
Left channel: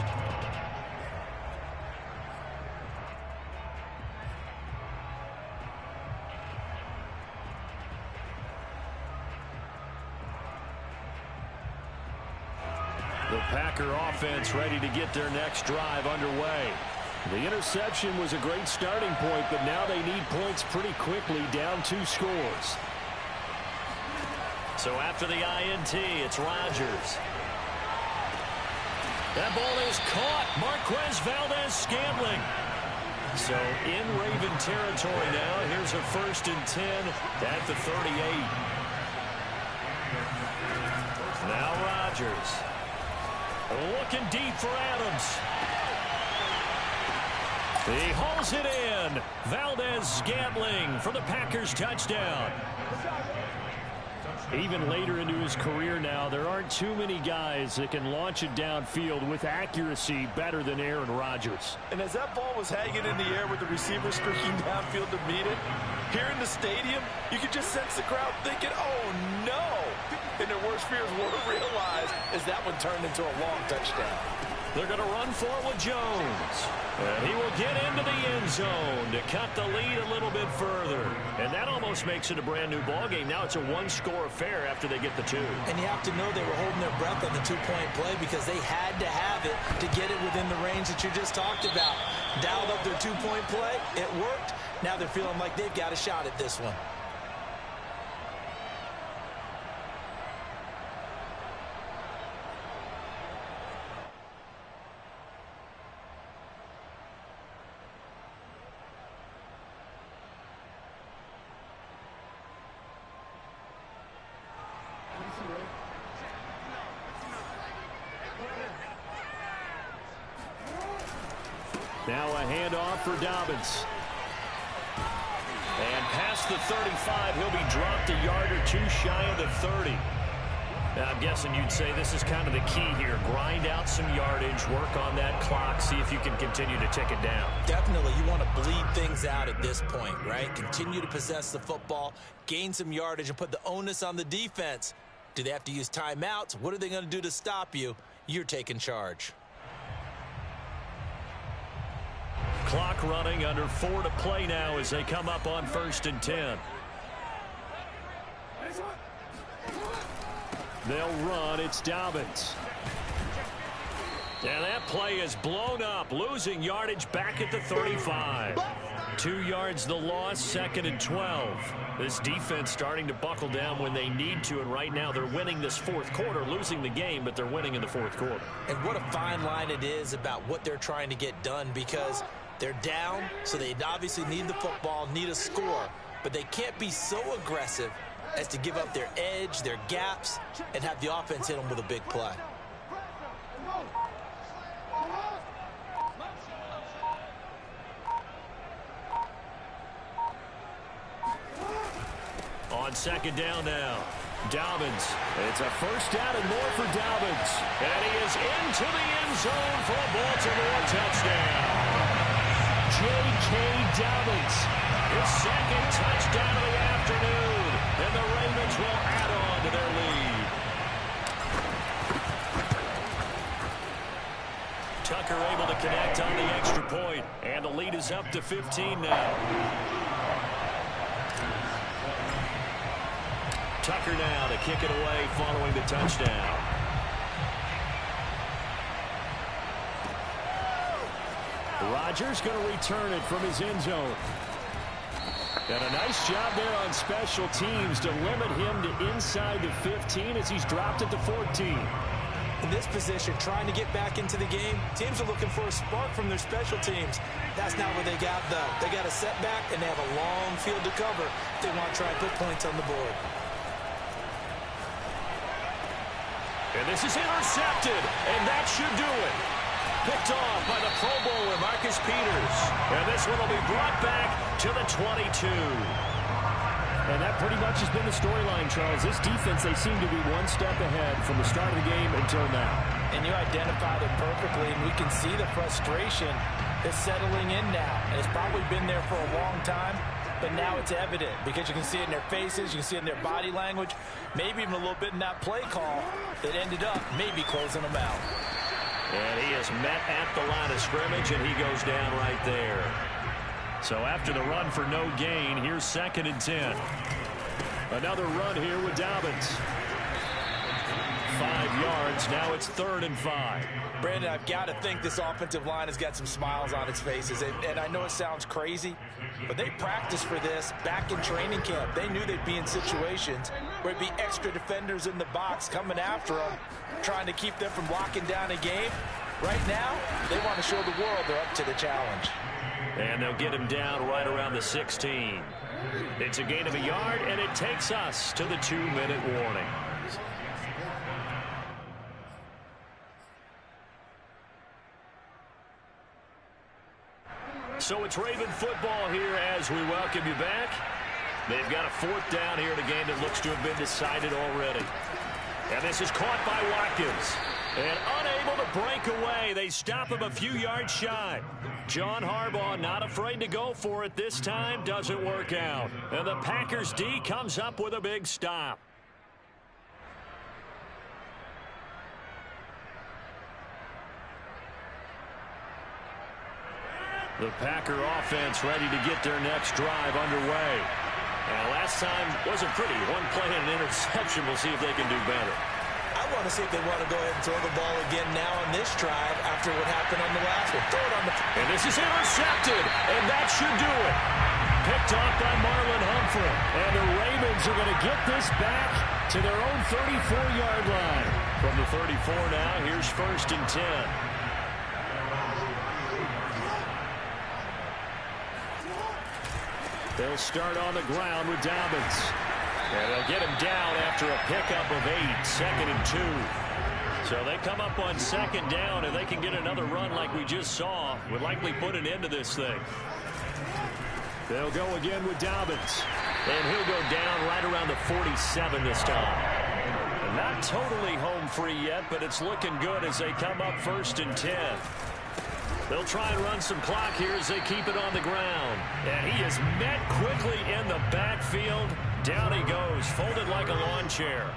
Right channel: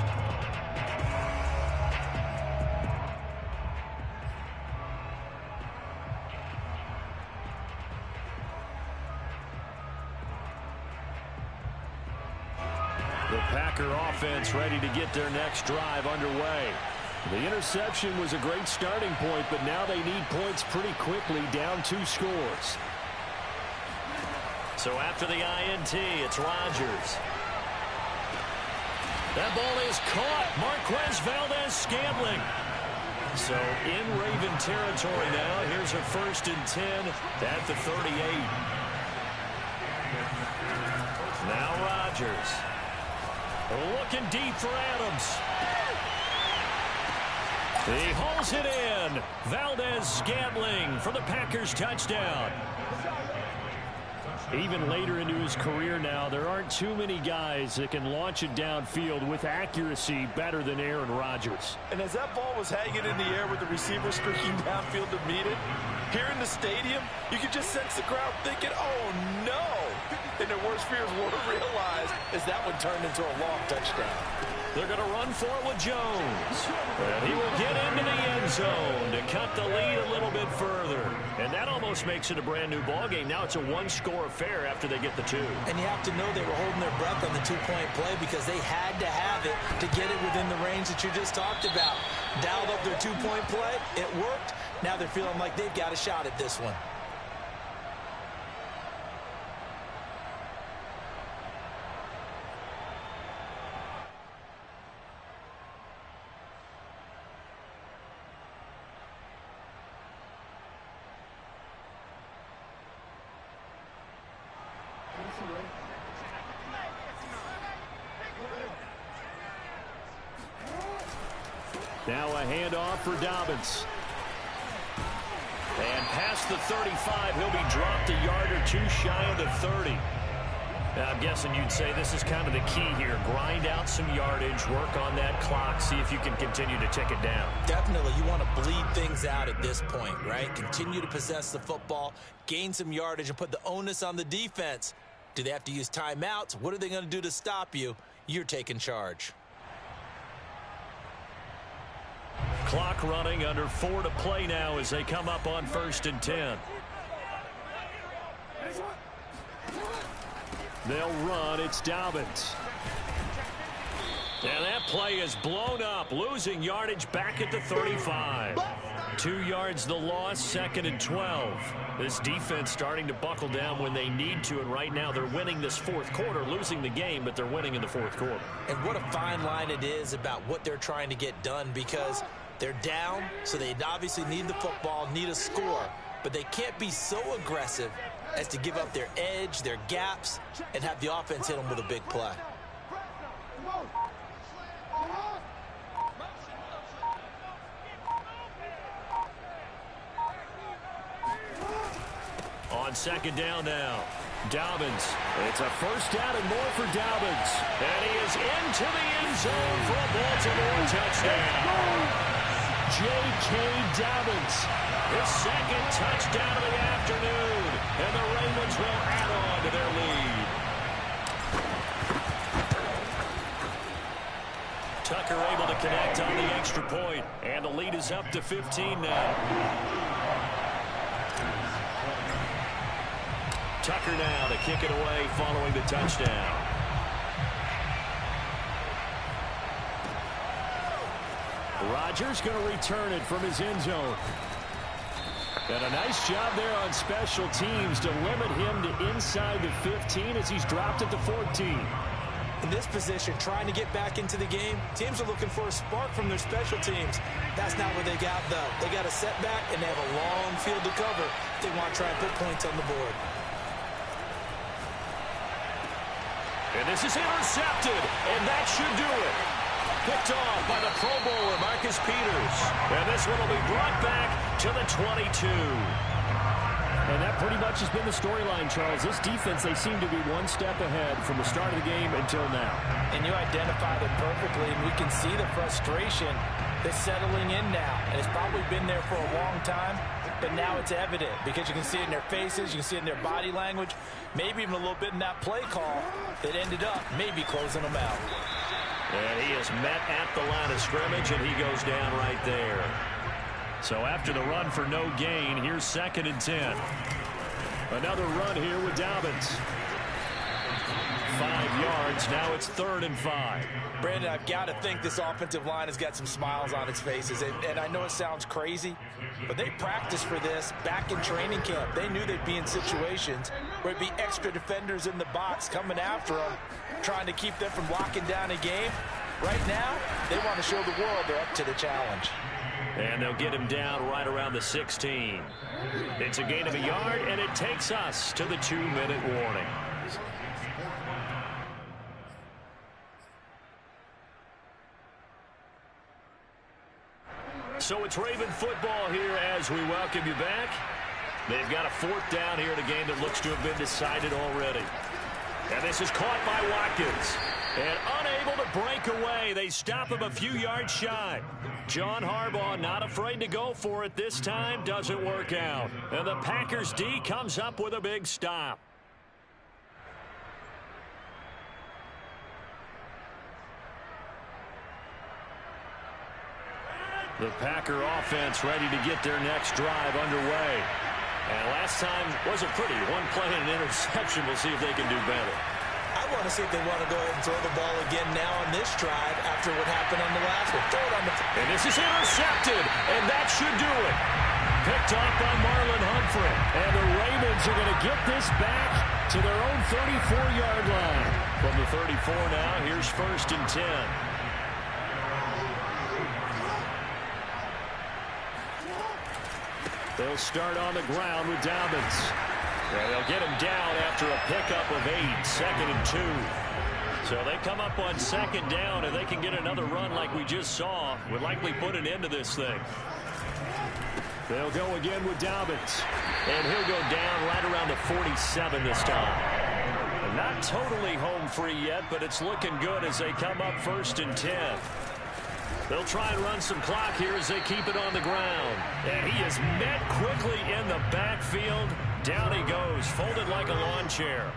The Packer offense ready to get their next drive underway. The interception was a great starting point, but now they need points pretty quickly, down 2 scores. So after the INT, it's Rodgers. That ball is caught. Marquez Valdez-Scantling. So in Raven territory now. Here's a 1st and 10 at the 38. Now Rodgers. Looking deep for Adams. He hauls it in. Valdez-Scantling for the Packers touchdown. Even later into his career now, there aren't too many guys that can launch it downfield with accuracy better than Aaron Rodgers. And as that ball was hanging in the air with the receiver streaking downfield to meet it, here in the stadium, you could just sense the crowd thinking, oh no! And their worst fears were realized as that one turned into a long touchdown. They're going to run for it with Jones. And he will get into the end zone to cut the lead a little bit further. And that almost makes it a brand new ball game. Now it's a 1-score affair after they get the 2. And you have to know they were holding their breath on the 2-point play because they had to have it to get it within the range that you just talked about. Dialed up their 2-point play. It worked. Now they're feeling like they've got a shot at this one. Now a handoff for Dobbins. And past the 35, he'll be dropped a yard or 2 shy of the 30. Now, I'm guessing you'd say this is kind of the key here. Grind out some yardage, work on that clock, see if you can continue to tick it down. Definitely, you want to bleed things out at this point, right? Continue to possess the football, gain some yardage, and put the onus on the defense. Do they have to use timeouts? What are they going to do to stop you? You're taking charge. Clock running, under 4 to play now as they come up on 1st and 10. They'll run. It's Dobbins. And that play is blown up, losing yardage back at the 35. 2 yards the loss, 2nd and 12. This defense starting to buckle down when they need to, and right now they're winning this 4th quarter, losing the game, but they're winning in the 4th quarter. And what a fine line it is about what they're trying to get done, because they're down, so they obviously need the football, need a score, but they can't be so aggressive as to give up their edge, their gaps, and have the offense hit them with a big play. On 2nd down now, Dobbins. It's a 1st down and more for Dobbins. And he is into the end zone for a Baltimore touchdown. J.K. Dobbins. His second touchdown of the afternoon. And the Ravens will add on to their lead. Tucker able to connect on the extra point. And the lead is up to 15 now. Tucker now to kick it away following the touchdown. Rodgers going to return it from his end zone. And a nice job there on special teams to limit him to inside the 15 as he's dropped it to 14. In this position, trying to get back into the game, teams are looking for a spark from their special teams. That's not what they got, though. They got a setback, and they have a long field to cover if they want to try and put points on the board. And this is intercepted, and that should do it. Picked off by the Pro Bowler, Marcus Peters. And this one will be brought back to the 22. And that pretty much has been the storyline, Charles. This defense, they seem to be one step ahead from the start of the game until now. And you identified it perfectly, and we can see the frustration that's settling in now. And it's probably been there for a long time, but now it's evident because you can see it in their faces, you can see it in their body language, maybe even a little bit in that play call that ended up maybe closing them out. And he is met at the line of scrimmage, and he goes down right there. So after the run for no gain, here's 2nd and 10. Another run here with Dobbins. 5 yards. Now it's 3rd and 5. Brandon, I've got to think this offensive line has got some smiles on its faces. And I know it sounds crazy, but they practiced for this back in training camp. They knew they'd be in situations where it'd be extra defenders in the box coming after them, trying to keep them from locking down a game. Right now, they want to show the world they're up to the challenge. And they'll get him down right around the 16. It's a gain of a yard, and it takes us to the 2-minute warning. So it's Raven football here as we welcome you back. They've got a 4th down here in a game that looks to have been decided already. And this is caught by Watkins. And unable to break away. They stop him a few yards shy. John Harbaugh not afraid to go for it this time. Doesn't work out. And the Packers D comes up with a big stop. The Packer offense ready to get their next drive underway. And last time wasn't pretty. One play and an interception. We'll see if they can do better. I want to see if they want to go ahead and throw the ball again now on this drive after what happened on the last one. Throw it on the... And this is intercepted, and that should do it. Picked off by Marlon Humphrey. And the Ravens are going to get this back to their own 34-yard line. From the 34 now, here's 1st and 10. They'll start on the ground with Dobbins. And they'll get him down after a pickup of 8, 2nd and 2. So they come up on 2nd down, and they can get another run like we just saw. Would likely put an end to this thing. They'll go again with Dobbins. And he'll go down right around the 47 this time. And not totally home free yet, but it's looking good as they come up 1st and 10. They'll try and run some clock here as they keep it on the ground. And he is met quickly in the backfield. Down he goes, folded like a lawn chair.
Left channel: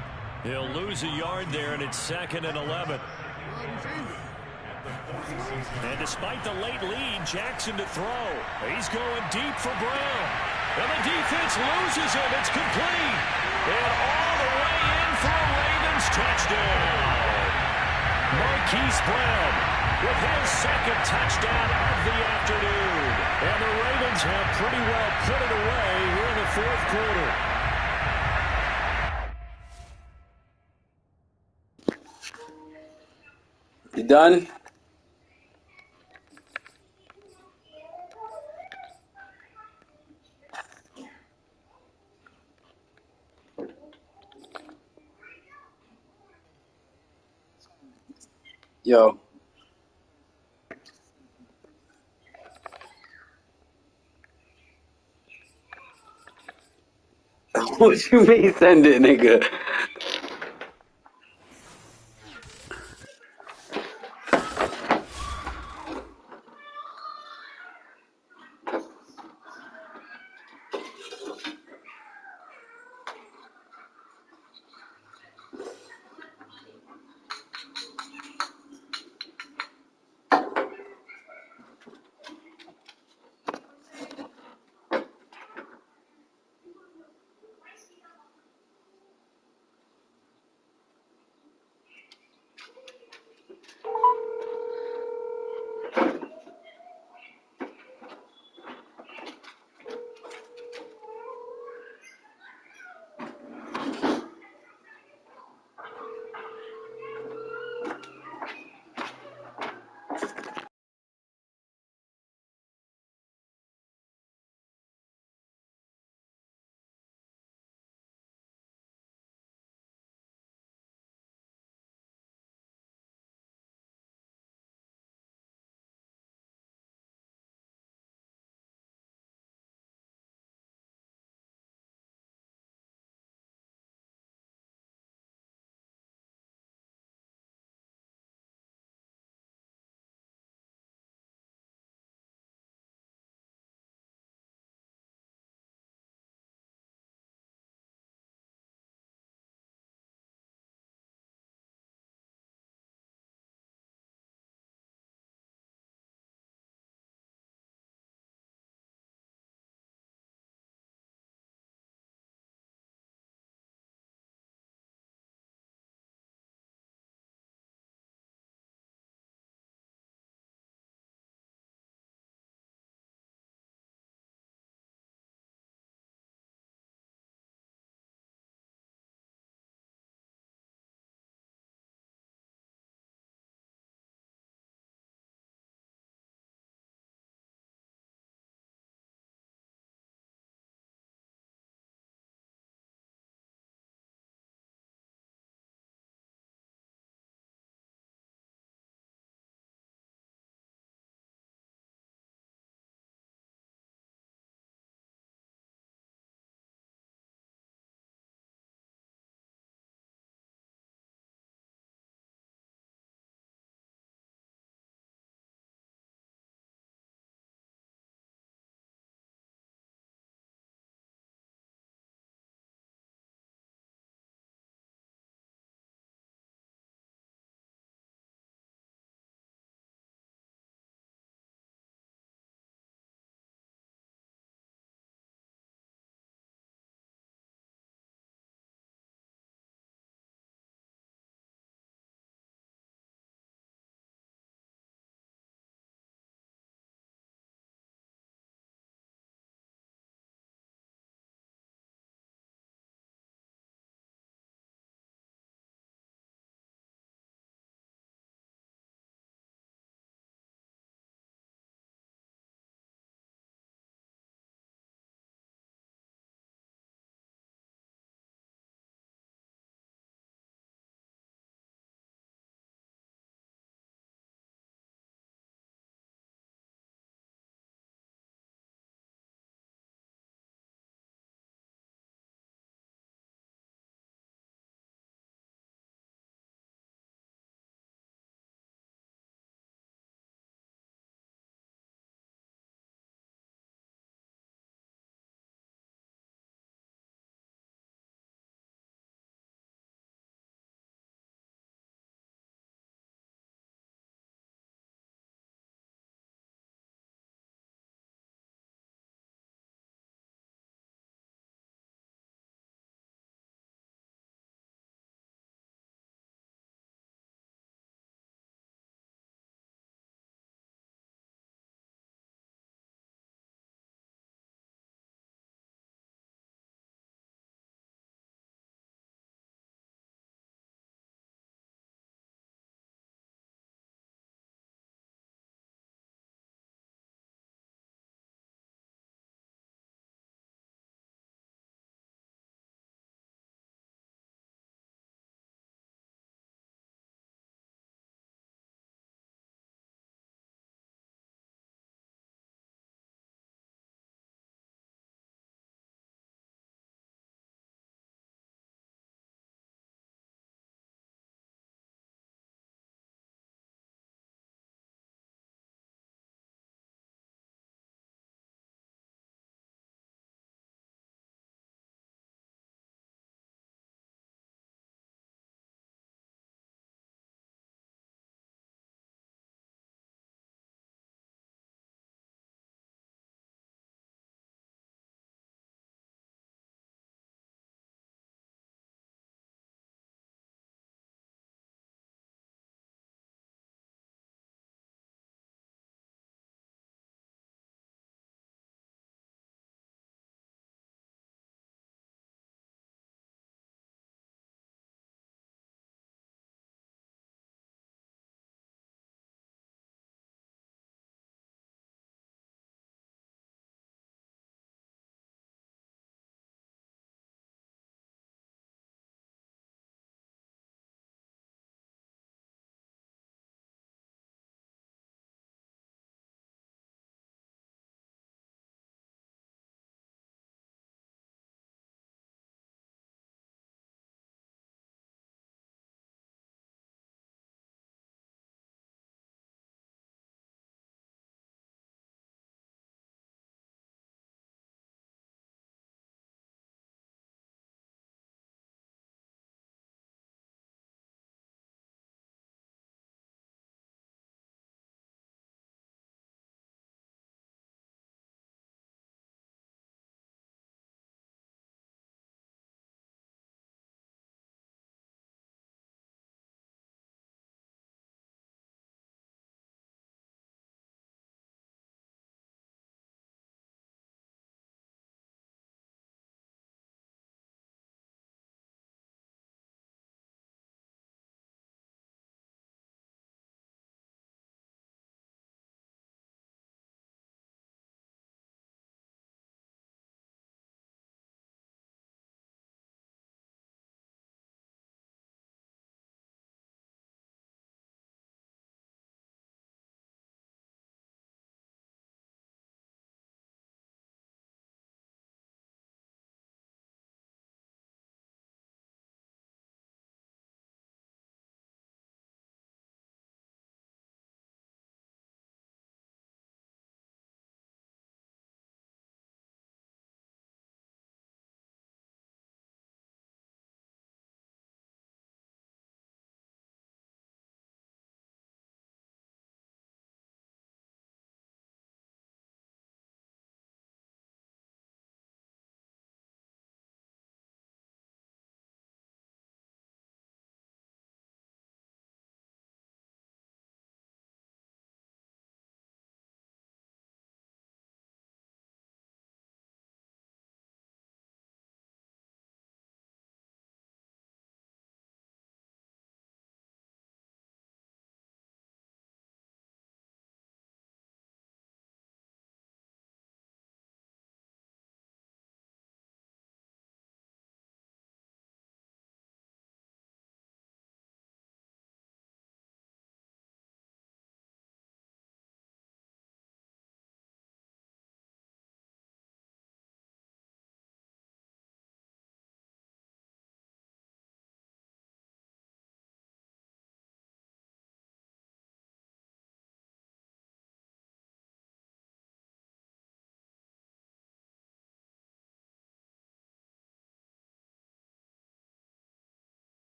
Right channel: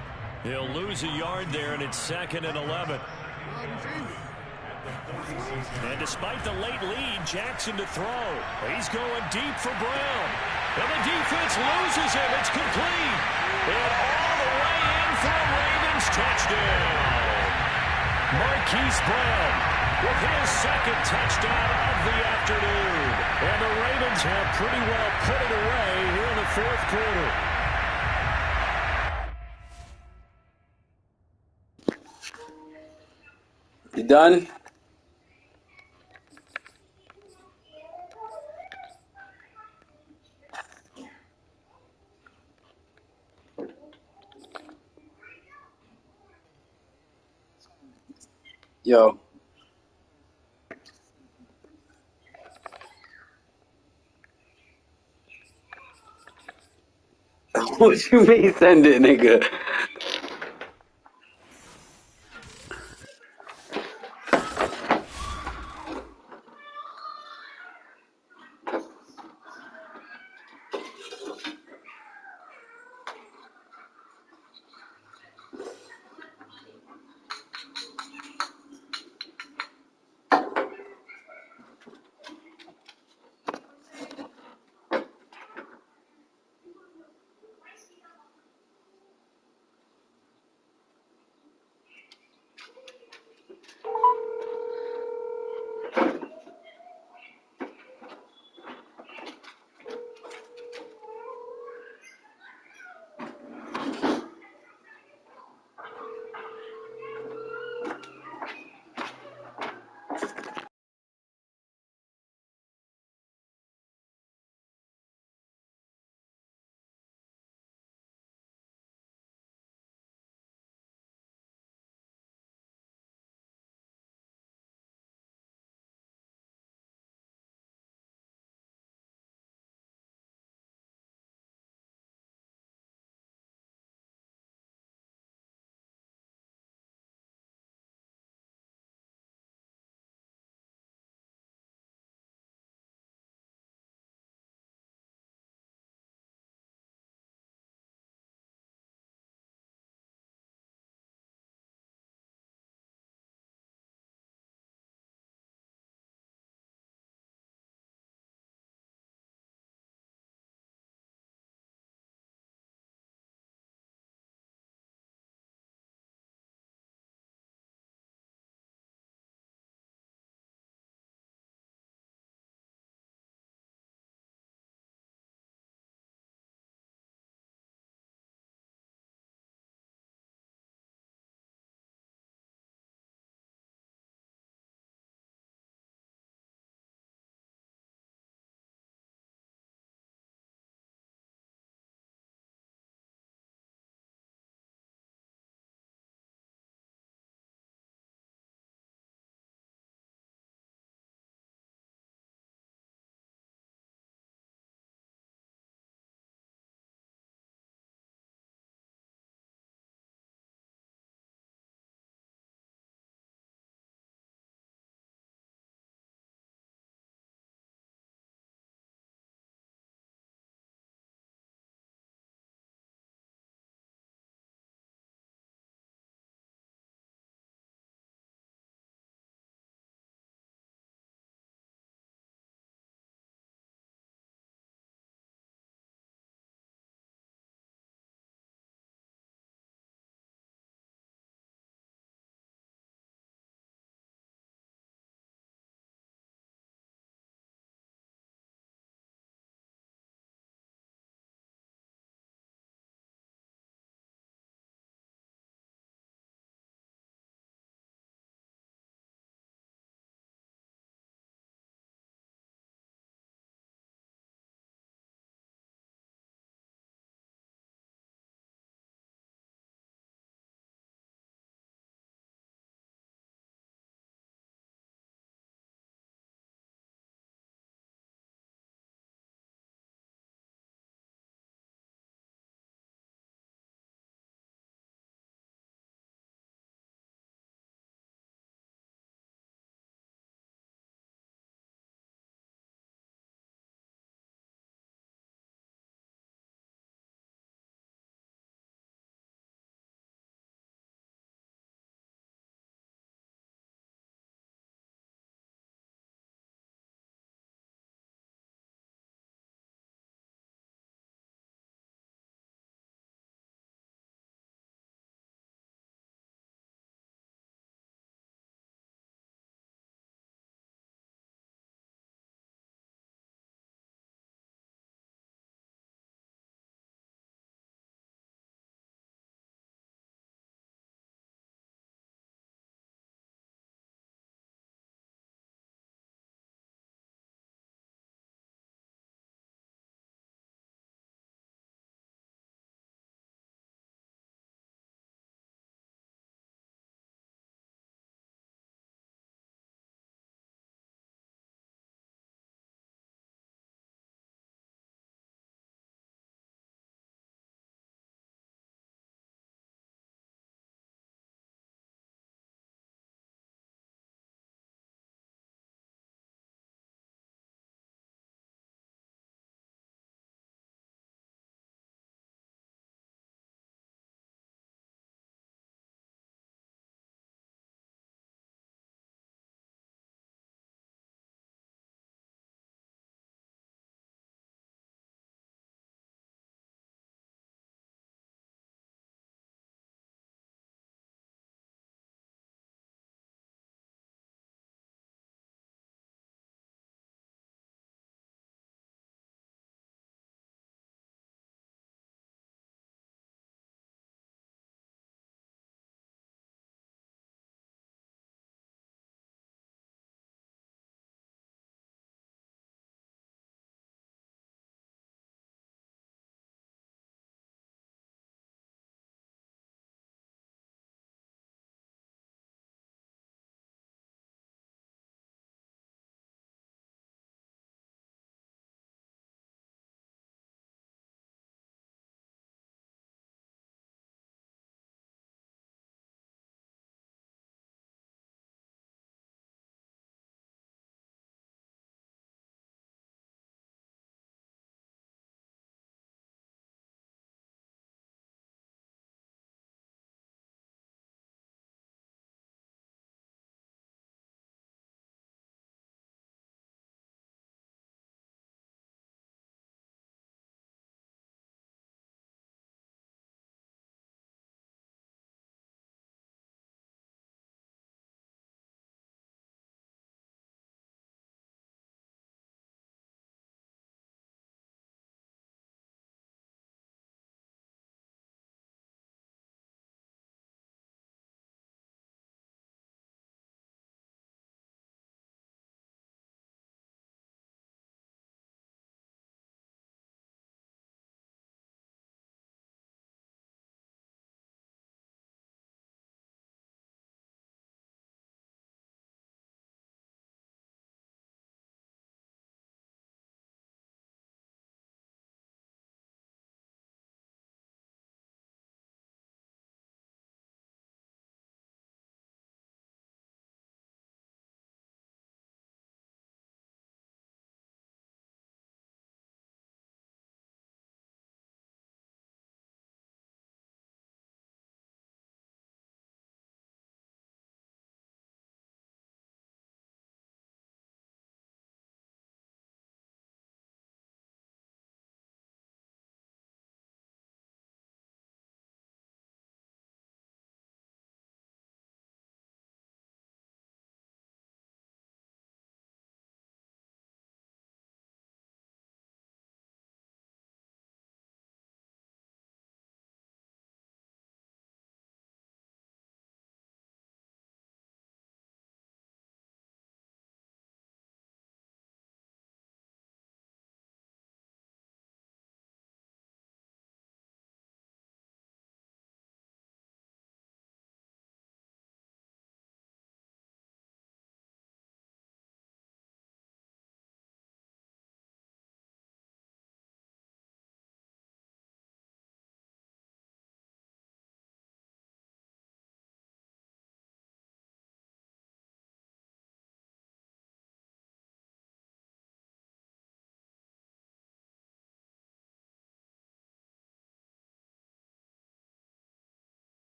He'll lose a yard there, and it's 2nd and 11. And despite the late lead, Jackson to throw. He's going deep for Brown. And the defense loses him. It's complete. And all the way in for a Ravens touchdown. Marquise Brown with his 2nd touchdown of the afternoon. And the Ravens have pretty well put it away here in the 4th quarter. You done? Yo. What you mean send it, nigga?